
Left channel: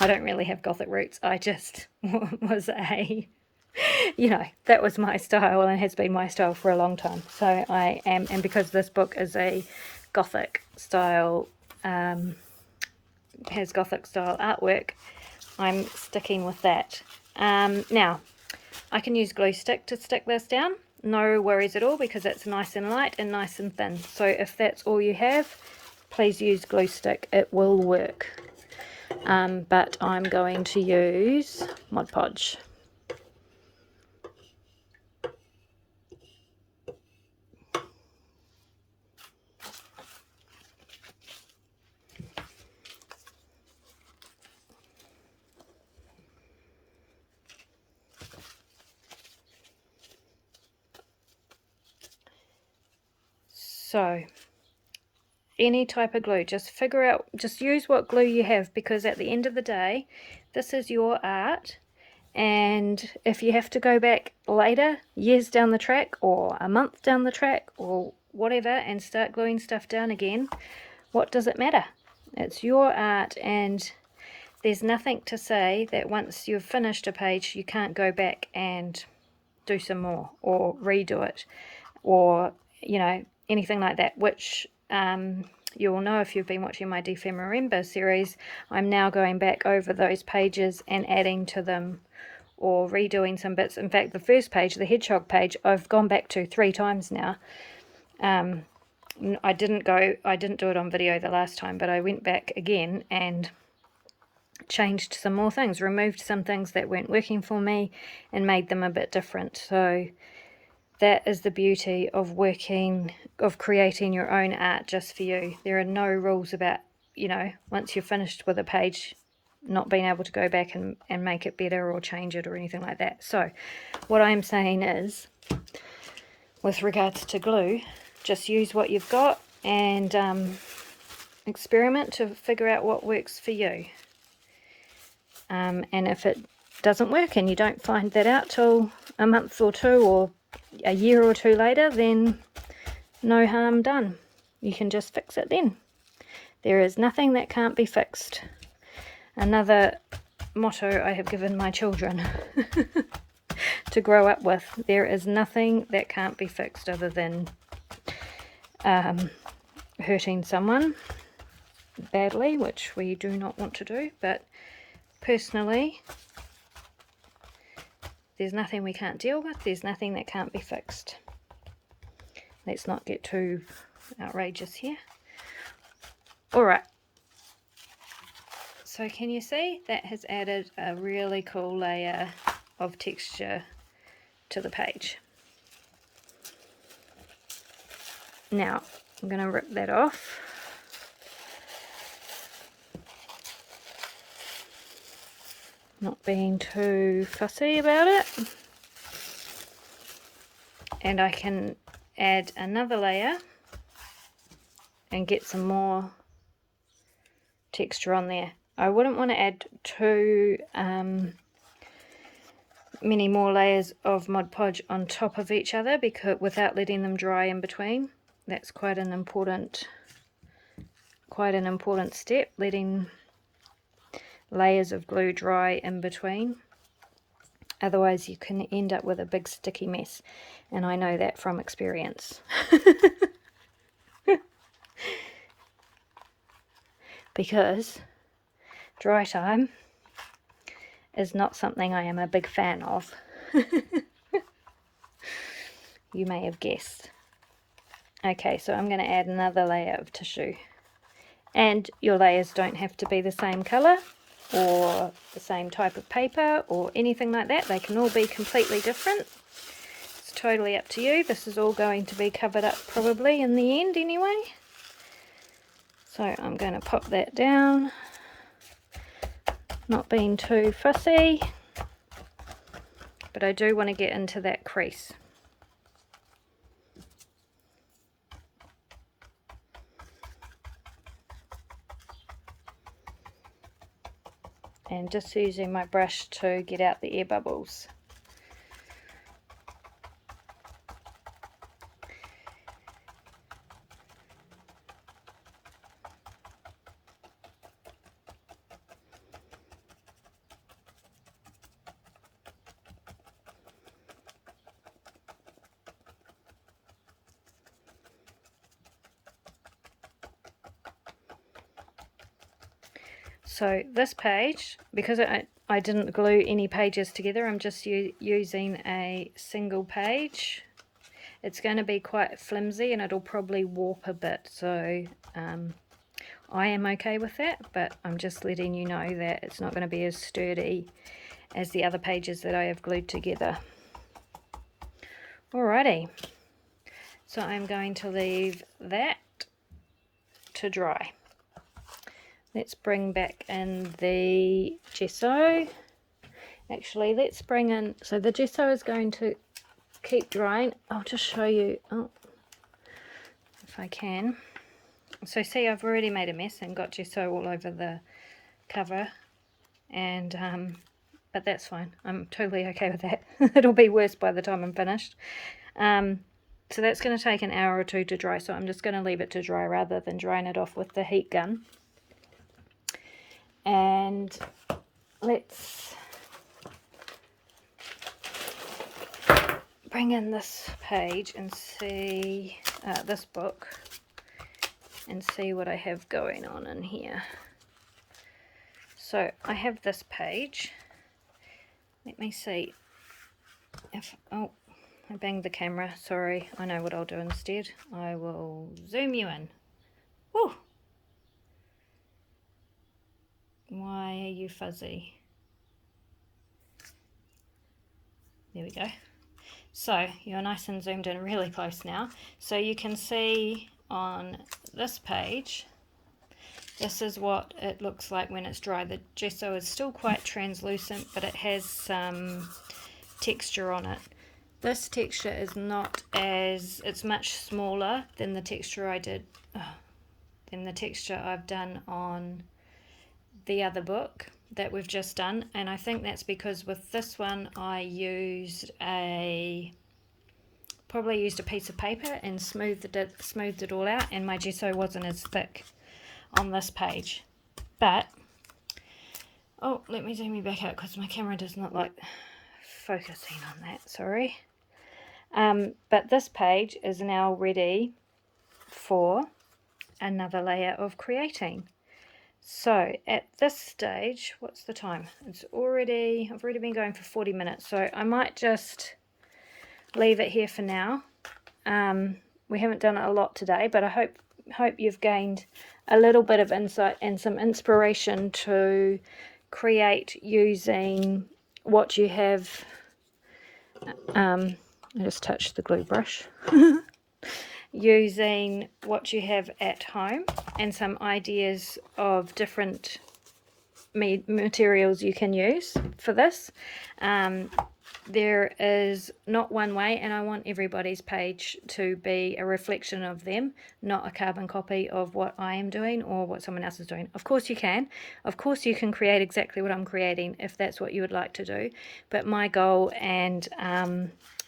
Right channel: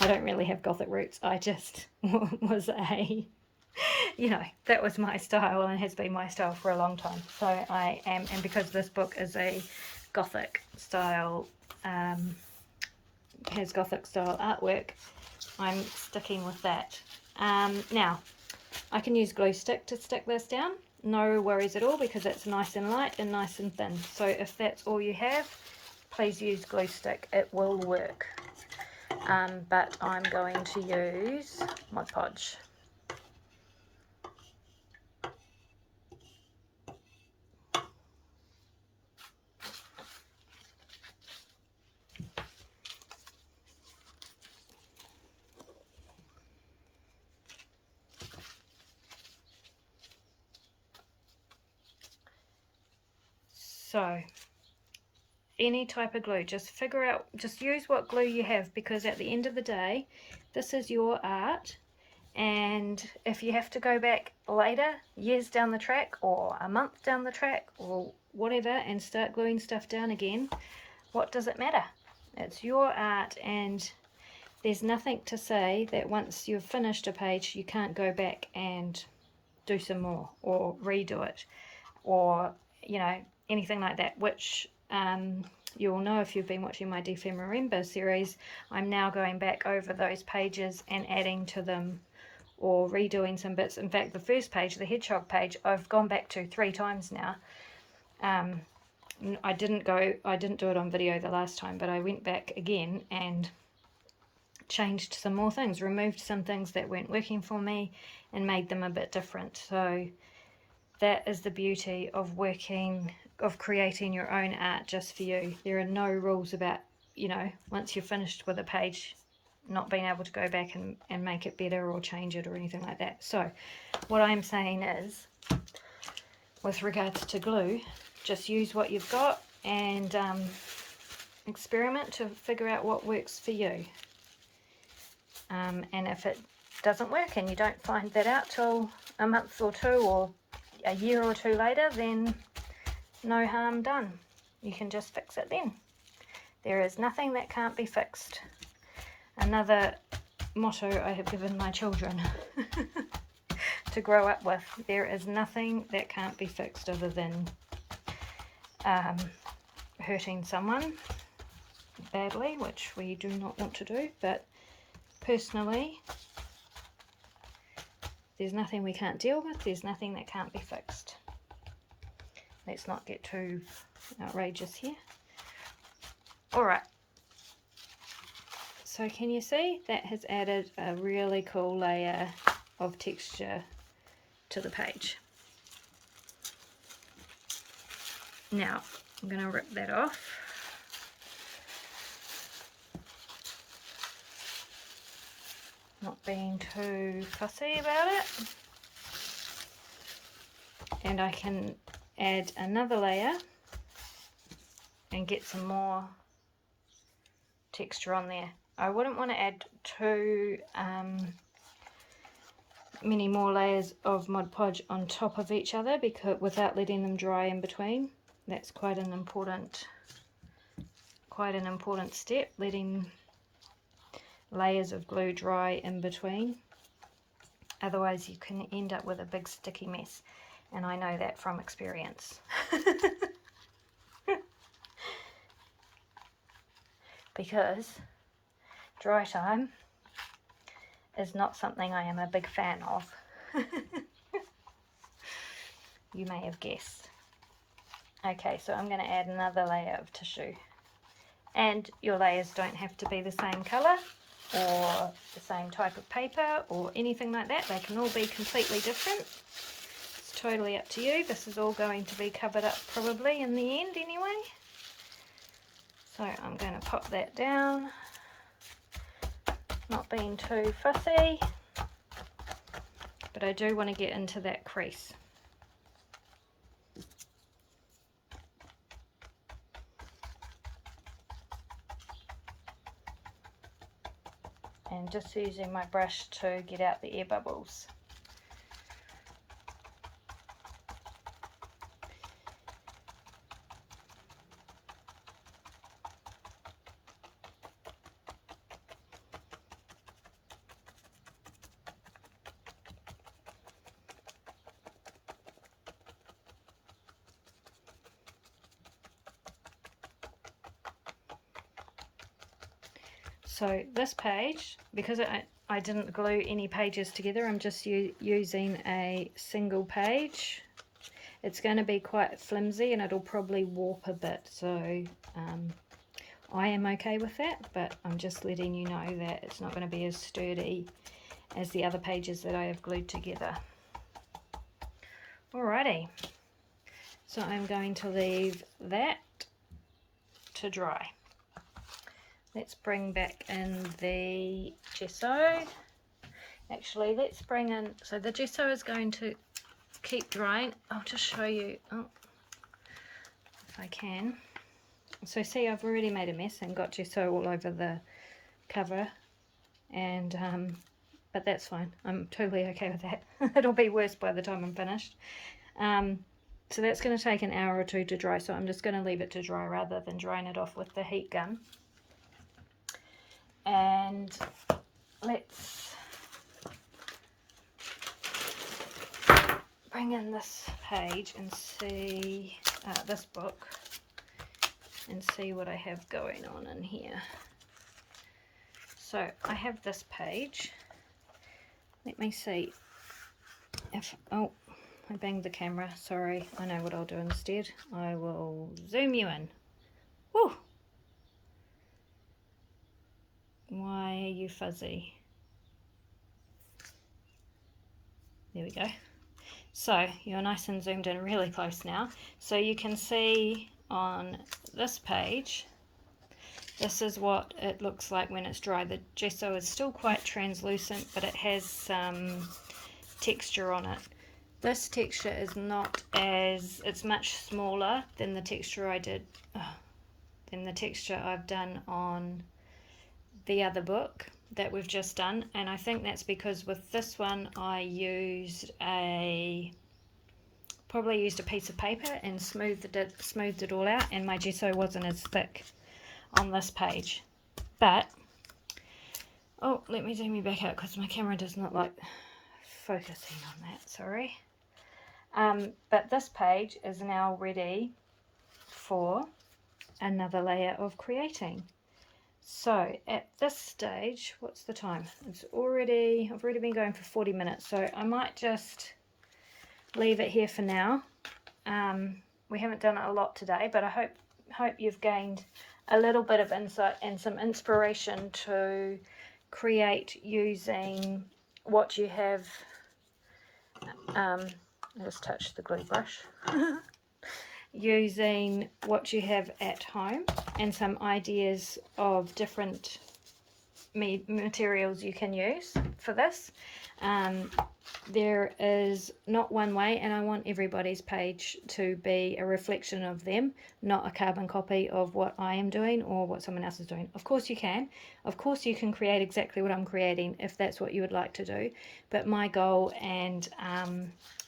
I don't really have Gothic roots. I just was that was my style and has been my style for a long time. So I am, and because this book is a Gothic style has Gothic style artwork, I'm sticking with that. Now, I can use glue stick to stick this down. No worries at all, because it's nice and light and nice and thin. So if that's all you have, please use glue stick. It will work. But I'm going to use Mod Podge. So, any type of glue, just figure out, just use what glue you have, because at the end of the day, this is your art. And if you have to go back later, years down the track, or a month down the track, or whatever, and start gluing stuff down again, what does it matter? It's your art, and there's nothing to say that once you've finished a page, you can't go back and do some more, or redo it, or, you know, anything like that, which you'll know if you've been watching my Defemorember series. I'm now going back over those pages and adding to them, or redoing some bits. In fact, the first page, the hedgehog page, I've gone back to 3 times now. I didn't do it on video the last time, but I went back again and changed some more things, removed some things that weren't working for me, and made them a bit different. So that is the beauty of creating your own art just for you. There are no rules about, you know, once you're finished with a page, not being able to go back and make it better or change it or anything like that. So what I'm saying is, with regards to glue, just use what you've got and experiment to figure out what works for you. And if it doesn't work and you don't find that out till a month or 2 or a year or 2 later, then no harm done. You can just fix it then. There is nothing that can't be fixed. Another motto I have given my children to grow up with. There is nothing that can't be fixed other than hurting someone badly, which we do not want to do. But personally, there's nothing we can't deal with. There's nothing that can't be fixed. Let's not get too outrageous here. Alright. So can you see? That has added a really cool layer of texture to the page. Now, I'm going to rip that off. Not being too fussy about it. And I can add another layer and get some more texture on there. I wouldn't want to add too many more layers of Mod Podge on top of each other, because without letting them dry in between. That's quite an important step, letting layers of glue dry in between. Otherwise you can end up with a big sticky mess, and I know that from experience. Because dry time is not something I am a big fan of. You may have guessed. Okay, so I'm going to add another layer of tissue. And your layers don't have to be the same colour or the same type of paper or anything like that. They can all be completely different. It's totally up to you. This is all going to be covered up probably in the end anyway. So I'm going to pop that down, not being too fussy, but I do want to get into that crease. And just using my brush to get out the air bubbles. So this page, because I didn't glue any pages together, I'm just using a single page. It's going to be quite flimsy and it'll probably warp a bit, so I am okay with that, but I'm just letting you know that it's not going to be as sturdy as the other pages that I have glued together. Alrighty, so I'm going to leave that to dry. Let's bring back in the gesso. Actually, let's bring in, so the gesso is going to keep drying. I'll just show you, if I can. So see, I've already made a mess and got gesso all over the cover, and but that's fine. I'm totally okay with that. It'll be worse by the time I'm finished. So that's going to take an hour or two to dry, so I'm just going to leave it to dry rather than drying it off with the heat gun. And let's bring in this page and see this book and see what I have going on in here. So I have this page. Let me see if, oh, I banged the camera, sorry. I know what I'll do instead. I will zoom you in. Woo! Why are you fuzzy? There we go. So you're nice and zoomed in really close now. So you can see on this page, this is what it looks like when it's dry. The gesso is still quite translucent, but it has some texture on it. This texture is not as, it's much smaller than the texture than the texture I've done on the other book that we've just done, and I think that's because with this one I probably used a piece of paper and smoothed it all out, and my gesso wasn't as thick on this page. But oh, let me zoom you back out because my camera does not like focusing on that, sorry. But this page is now ready for another layer of creating. So at this stage, what's the time? I've already been going for 40 minutes, so I might just leave it here for now. We haven't done it a lot today, but I hope you've gained a little bit of insight and some inspiration to create using what you have. I just touched the glue brush. Using what you have at home and some ideas of different materials you can use for this. There is not one way, and I want everybody's page to be a reflection of them, not a carbon copy of what I am doing or what someone else is doing. Of course you can. Of course you can create exactly what I'm creating if that's what you would like to do. But my goal and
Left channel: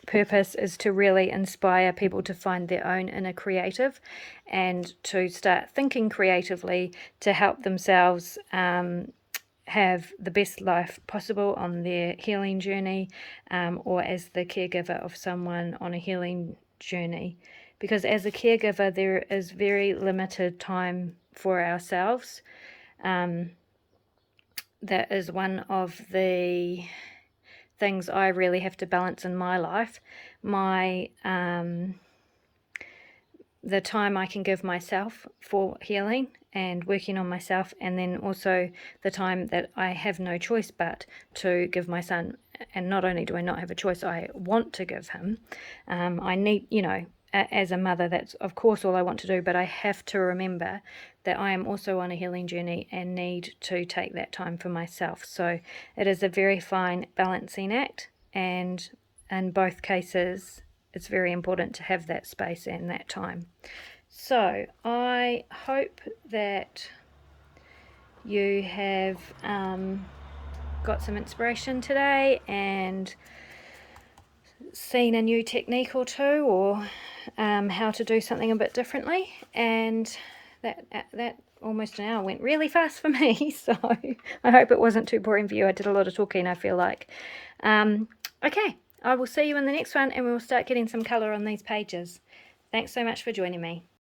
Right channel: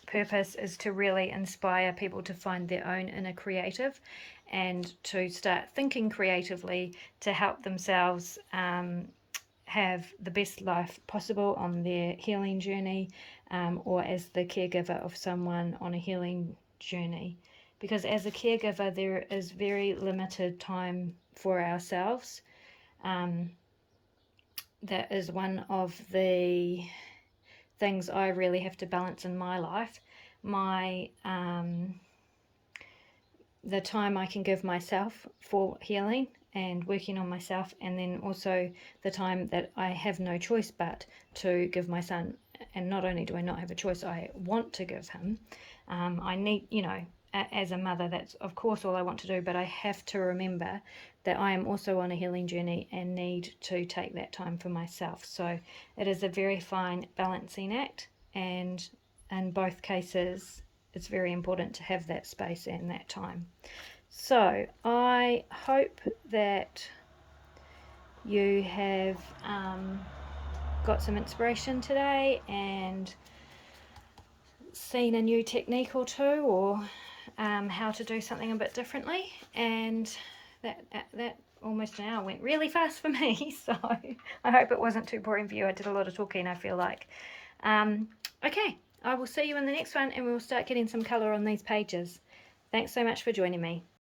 purpose is to really inspire people to find their own inner creative and to start thinking creatively to help themselves have the best life possible on their healing journey, or as the caregiver of someone on a healing journey. Because as a caregiver, there is very limited time for ourselves. That is one of the things I really have to balance in my life. The time I can give myself for healing and working on myself, and then also the time that I have no choice but to give my son. And not only do I not have a choice, I want to give him. I need, as a mother, that's of course all I want to do, but I have to remember that I am also on a healing journey and need to take that time for myself. So it is a very fine balancing act, and in both cases it's very important to have that space and that time. So I hope that you have got some inspiration today and seen a new technique or two, or how to do something a bit differently. And that almost an hour went really fast for me, so I hope it wasn't too boring for you. I did a lot of talking, I feel like. Okay, I will see you in the next one, and we'll start getting some colour on these pages. Thanks so much for joining me.